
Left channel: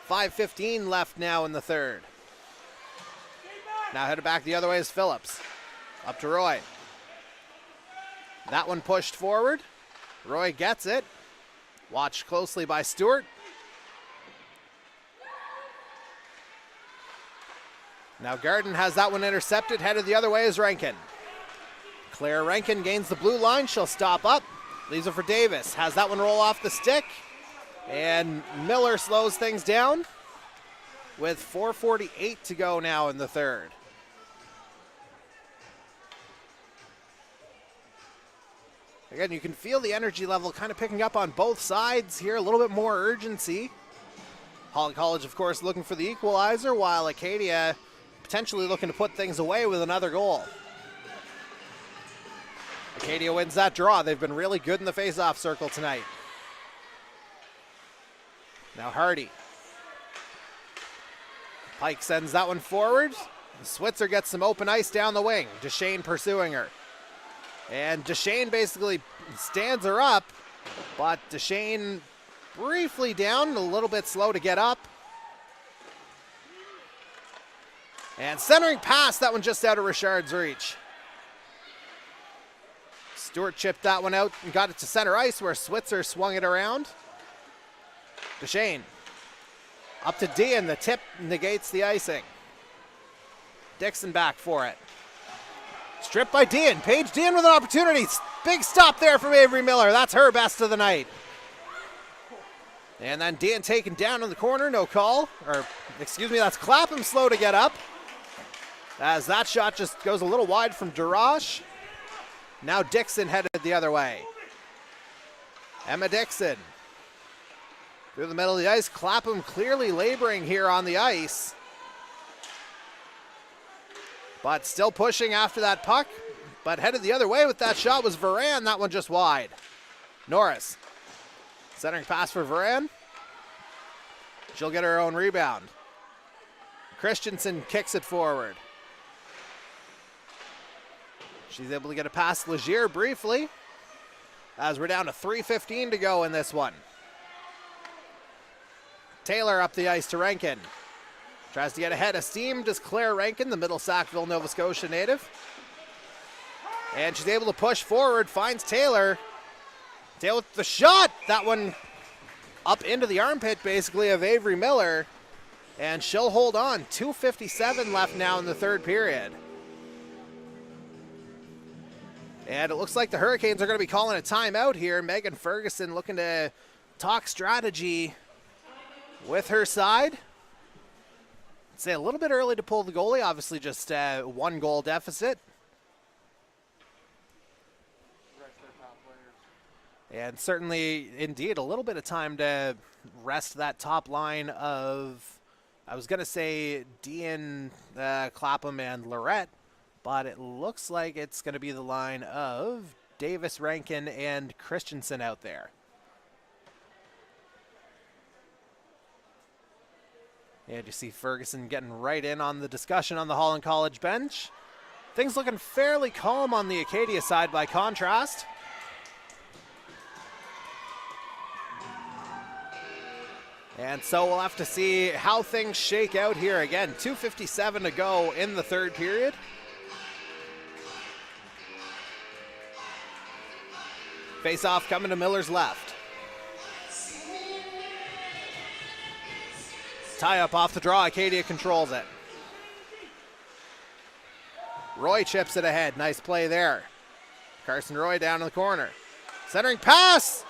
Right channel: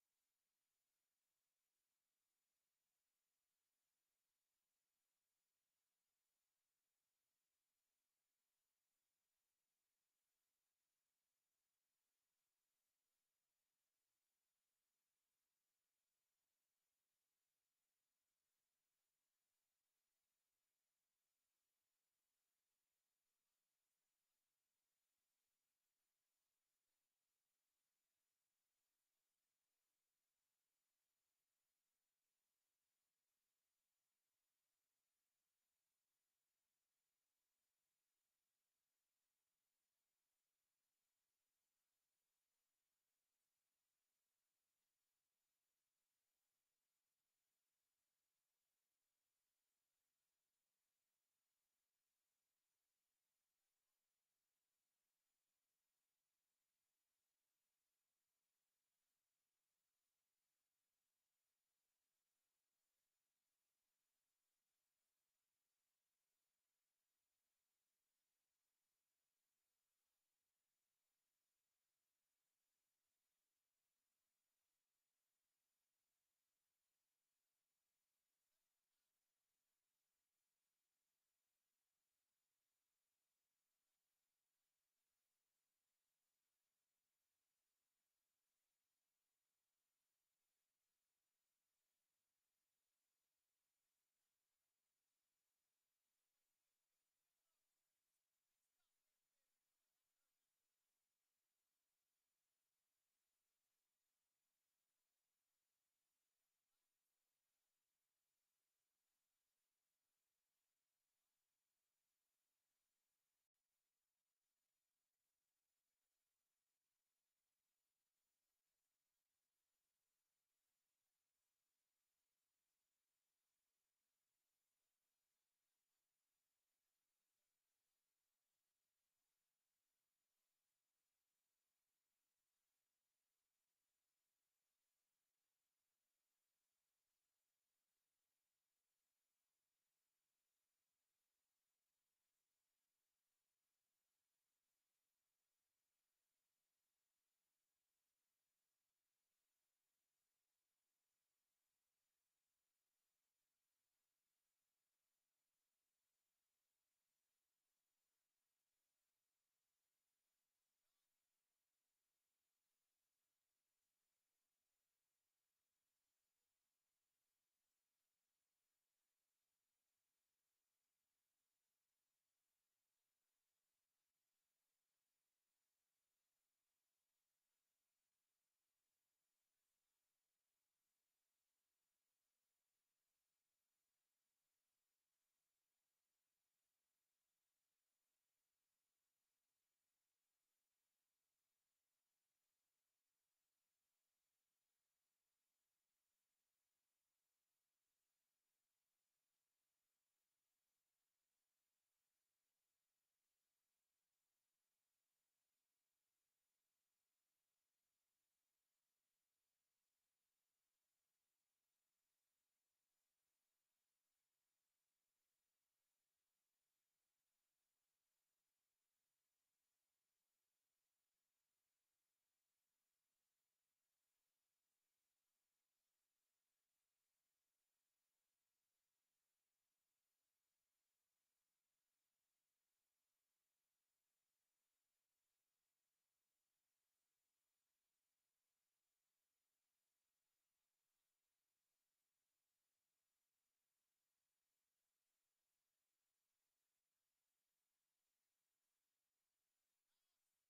5:15 left now in the third. Now headed back the other way is Phillips. Up to Roy. That one pushed forward. Roy gets it. Watched closely by Stewart. Now Garden has that one intercepted. Headed the other way is Rankin. Claire Rankin gains the blue line. She'll stop up. Leaves it for Davis. Has that one roll off the stick. And Miller slows things down with 4:48 to go now in the third. Again, you can feel the energy level kind of picking up on both sides here. A little bit more urgency. Holland College, of course, looking for the equalizer, while Acadia potentially looking to put things away with another goal. Acadia wins that draw. They've been really good in the face-off circle tonight. Now Hardy. Pike sends that one forward. Switzer gets some open ice down the wing. Deshane pursuing her. And Deshane basically stands her up, but Deshane briefly down, a little bit slow to get up. And centering pass, that one just out of Richard's reach. Stewart chipped that one out and got it to center ice where Switzer swung it around. Deshane up to Dean. The tip negates the icing. Dixon back for it. Stripped by Dean. Paige Dean with an opportunity. Big stop there from Avery Miller. That's her best of the night. And then Dean taken down in the corner. No call. Or, excuse me, that's Clapham slow to get up. As that shot just goes a little wide from Durash. Now Dixon headed the other way. Emma Dixon. Through the middle of the ice. Clapham clearly laboring here on the ice. But still pushing after that puck. But headed the other way with that shot was Varan. That one just wide. Norris. Centering pass for Varan. She'll get her own rebound. Christensen kicks it forward. She's able to get a pass to Legier briefly. As we're down to 3:15 to go in this one. Taylor up the ice to Rankin. Tries to get ahead of steam. Does Claire Rankin, the Middle Sackville, Nova Scotia native. And she's able to push forward, finds Taylor. Taylor with the shot. That one up into the armpit, basically, of Avery Miller. And she'll hold on. 2:57 left now in the third period. And it looks like the Hurricanes are going to be calling a timeout here. Megan Ferguson looking to talk strategy with her side. I'd say a little bit early to pull the goalie. Obviously just one goal deficit. And certainly, indeed, a little bit of time to rest that top line of, I was going to say Dean, Clapham, and Lorette, but it looks like it's going to be the line of Davis, Rankin, and Christensen out there. And you see Ferguson getting right in on the discussion on the Holland College bench. Things looking fairly calm on the Acadia side by contrast. And so we'll have to see how things shake out here. Again, 2:57 to go in the third period. Face-off coming to Miller's left. Tie-up off the draw. Acadia controls it. Roy chips it ahead. Nice play there. Carson Roy down in the corner. Centering pass.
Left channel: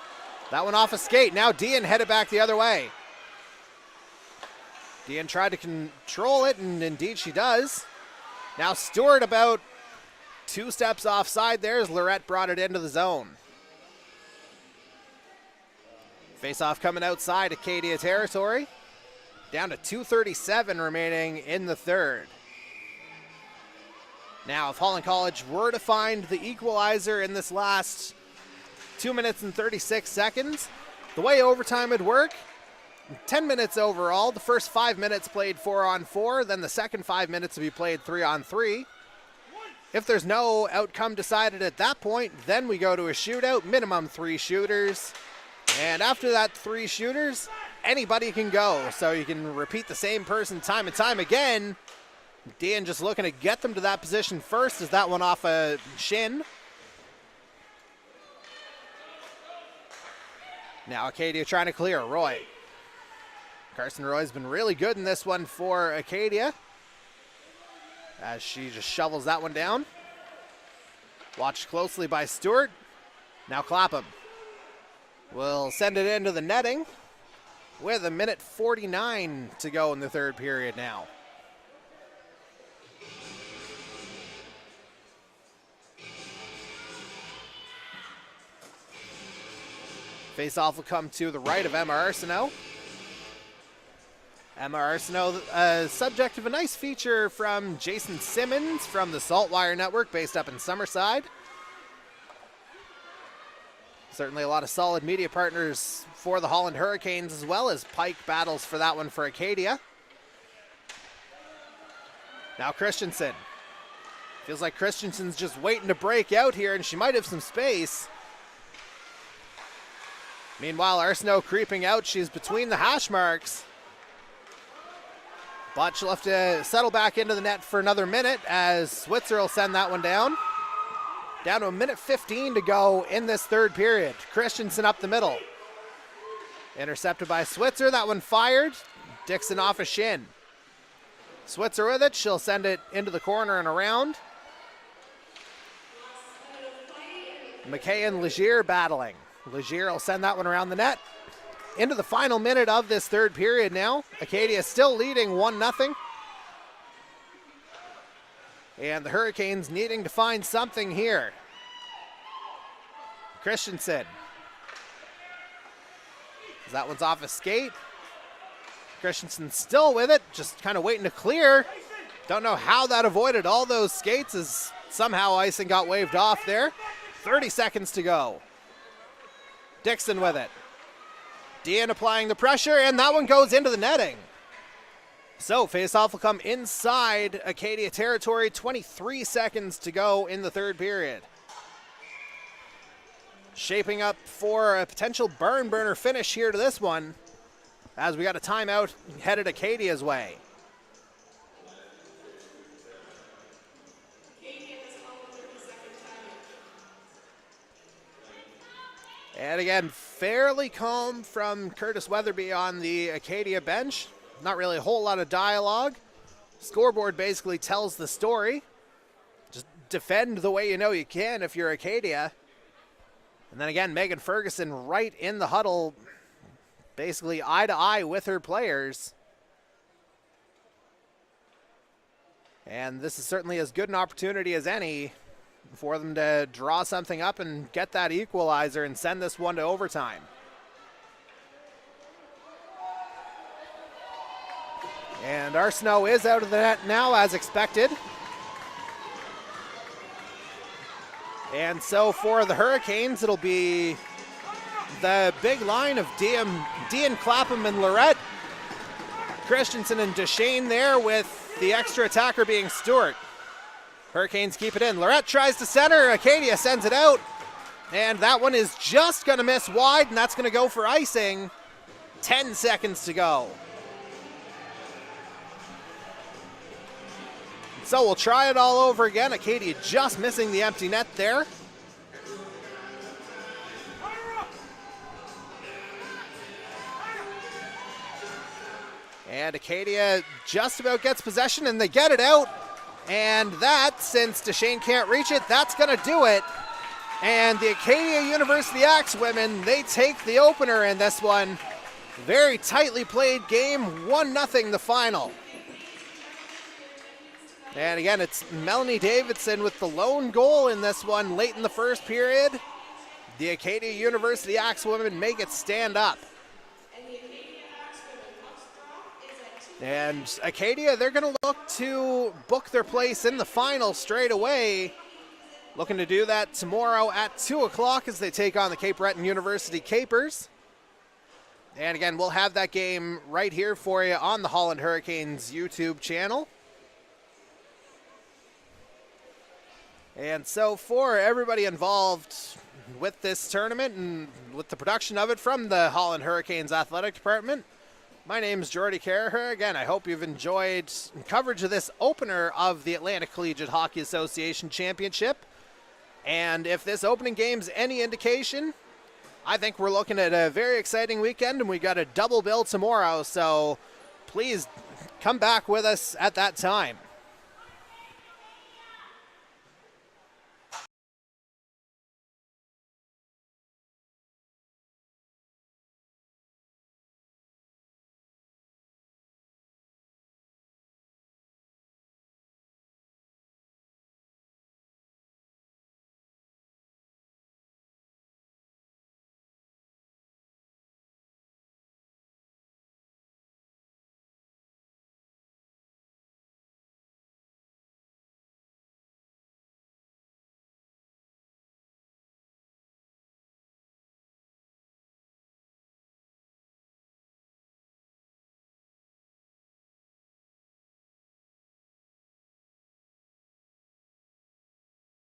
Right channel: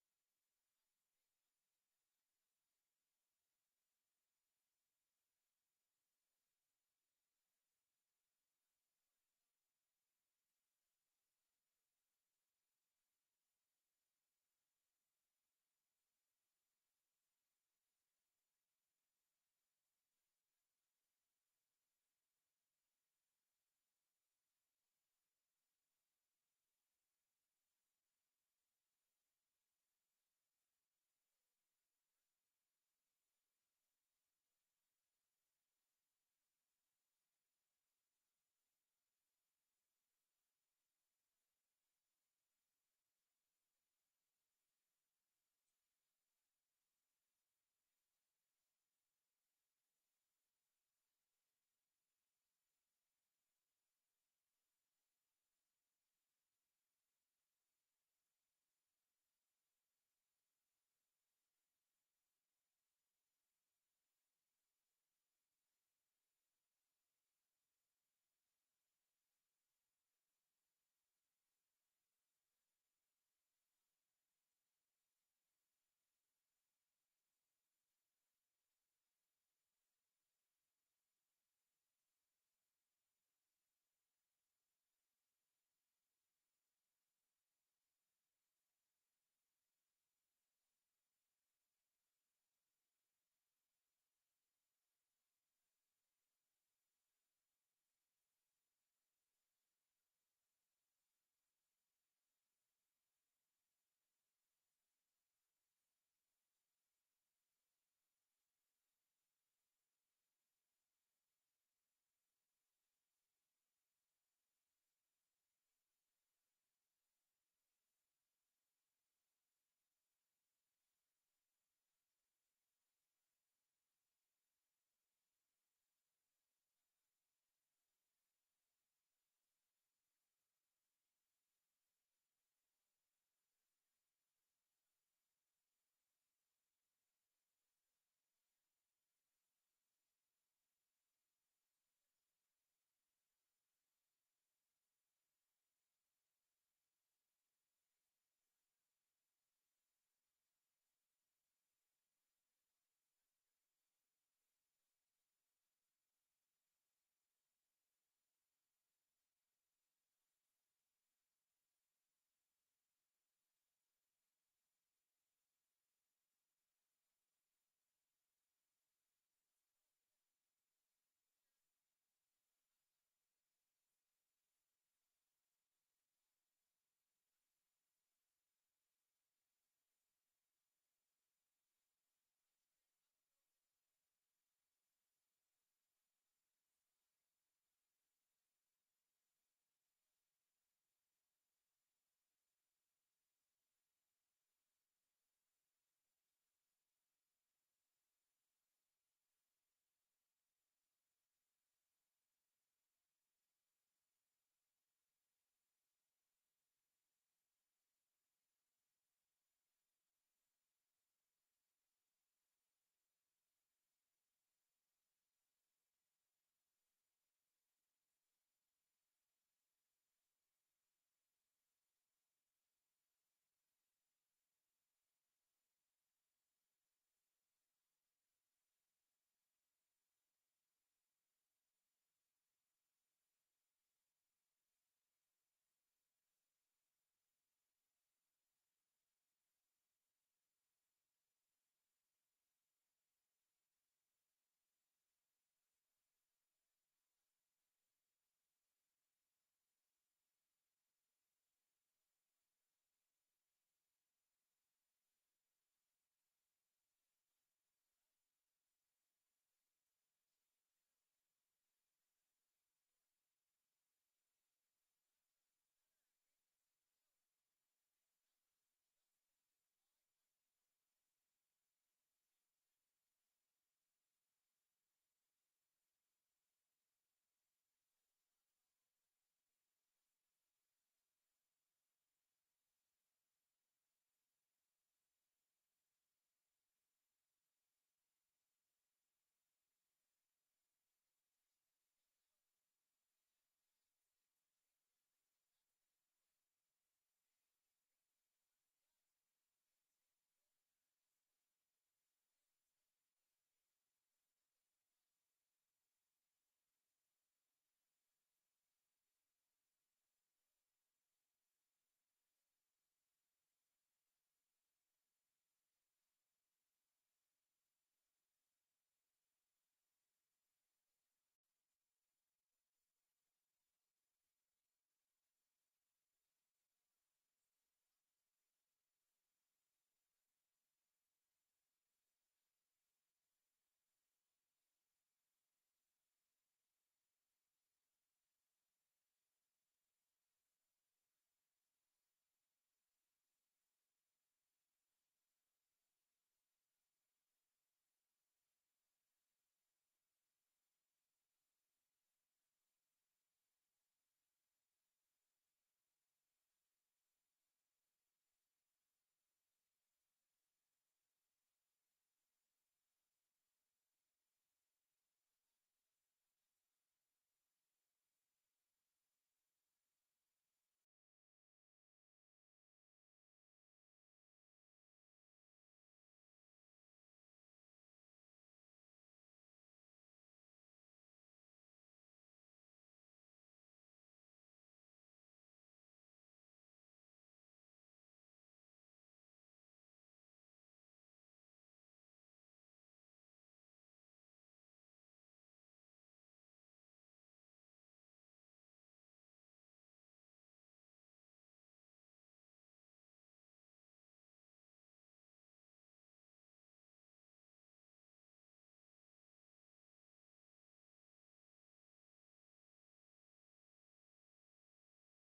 That one off a skate. Now Dean headed back the other way. Dean tried to control it, and indeed she does. Now Stewart about 2 steps offside there as Lorette brought it into the zone. Face-off coming outside Acadia territory. Down to 2:37 remaining in the third. Now, if Holland College were to find the equalizer in this last 2 minutes and 36 seconds, the way overtime would work, 10 minutes overall. The first 5 minutes played 4-on-4, then the second 5 minutes would be played 3-on-3. If there's no outcome decided at that point, then we go to a shootout, minimum 3 shooters. And after that 3 shooters, anybody can go. So you can repeat the same person time and time again. Dean just looking to get them to that position first as that one off a shin. Now Acadia trying to clear. Roy. Carson Roy's been really good in this one for Acadia, as she just shovels that one down. Watched closely by Stewart. Now Clapham will send it into the netting with 1:49 to go in the third period now. Face-off will come to the right of Emma Arsenault. Emma Arsenault, subject of a nice feature from Jason Simmons from the Saltwire Network, based up in Summerside. Certainly a lot of solid media partners for the Holland Hurricanes, as well as Pike battles for that one for Acadia. Now Christensen. Feels like Christensen's just waiting to break out here, and she might have some space. Meanwhile, Arsenault creeping out. She's between the hash marks. But she'll have to settle back into the net for another minute, as Switzer will send that one down. Down to 1:15 to go in this third period. Christensen up the middle. Intercepted by Switzer. That one fired. Dixon off a shin. Switzer with it. She'll send it into the corner and around. McKay and Legier battling. Legier will send that one around the net. Into the final minute of this third period now. Acadia still leading 1-0. And the Hurricanes needing to find something here. Christensen. That one's off a skate. Christensen still with it, just kind of waiting to clear. Don't know how that avoided all those skates, as somehow icing got waved off there. 30 seconds to go. Dixon with it. Dean applying the pressure, and that one goes into the netting. So face-off will come inside Acadia territory. 23 seconds to go in the third period. Shaping up for a potential barn burner finish here to this one, as we got a timeout headed Acadia's way. And again, fairly calm from Curtis Weatherby on the Acadia bench. Not really a whole lot of dialogue. Scoreboard basically tells the story. Just defend the way you know you can if you're Acadia. And then again, Megan Ferguson right in the huddle, basically eye to eye with her players. And this is certainly as good an opportunity as any for them to draw something up and get that equalizer and send this one to overtime. And Arsenault is out of the net now, as expected. And so for the Hurricanes, it'll be the big line of Dean Clapham and Lorette. Christensen and Deshane there, with the extra attacker being Stewart. Hurricanes keep it in. Lorette tries to center. Acadia sends it out. And that one is just going to miss wide, and that's going to go for icing. 10 seconds to go. So we'll try it all over again. Acadia just missing the empty net there. And Acadia just about gets possession, and they get it out. And that, since Deshane can't reach it, that's going to do it. And the Acadia University Axe women, they take the opener in this one. Very tightly played game, 1-0 the final. And again, it's Melanie Davidson with the lone goal in this one late in the first period. The Acadia University Axe women make it stand up. And Acadia, they're going to look to book their place in the final straight away. Looking to do that tomorrow at 2 o'clock as they take on the Cape Breton University Capers. And again, we'll have that game right here for you on the Holland Hurricanes YouTube channel. And so for everybody involved with this tournament and with the production of it from the Holland Hurricanes Athletic Department, my name is Jordy Carraher. Again, I hope you've enjoyed coverage of this opener of the Atlantic Collegiate Hockey Association Championship. And if this opening game's any indication, I think we're looking at a very exciting weekend, and we got a double bill tomorrow, so please come back with us at that time.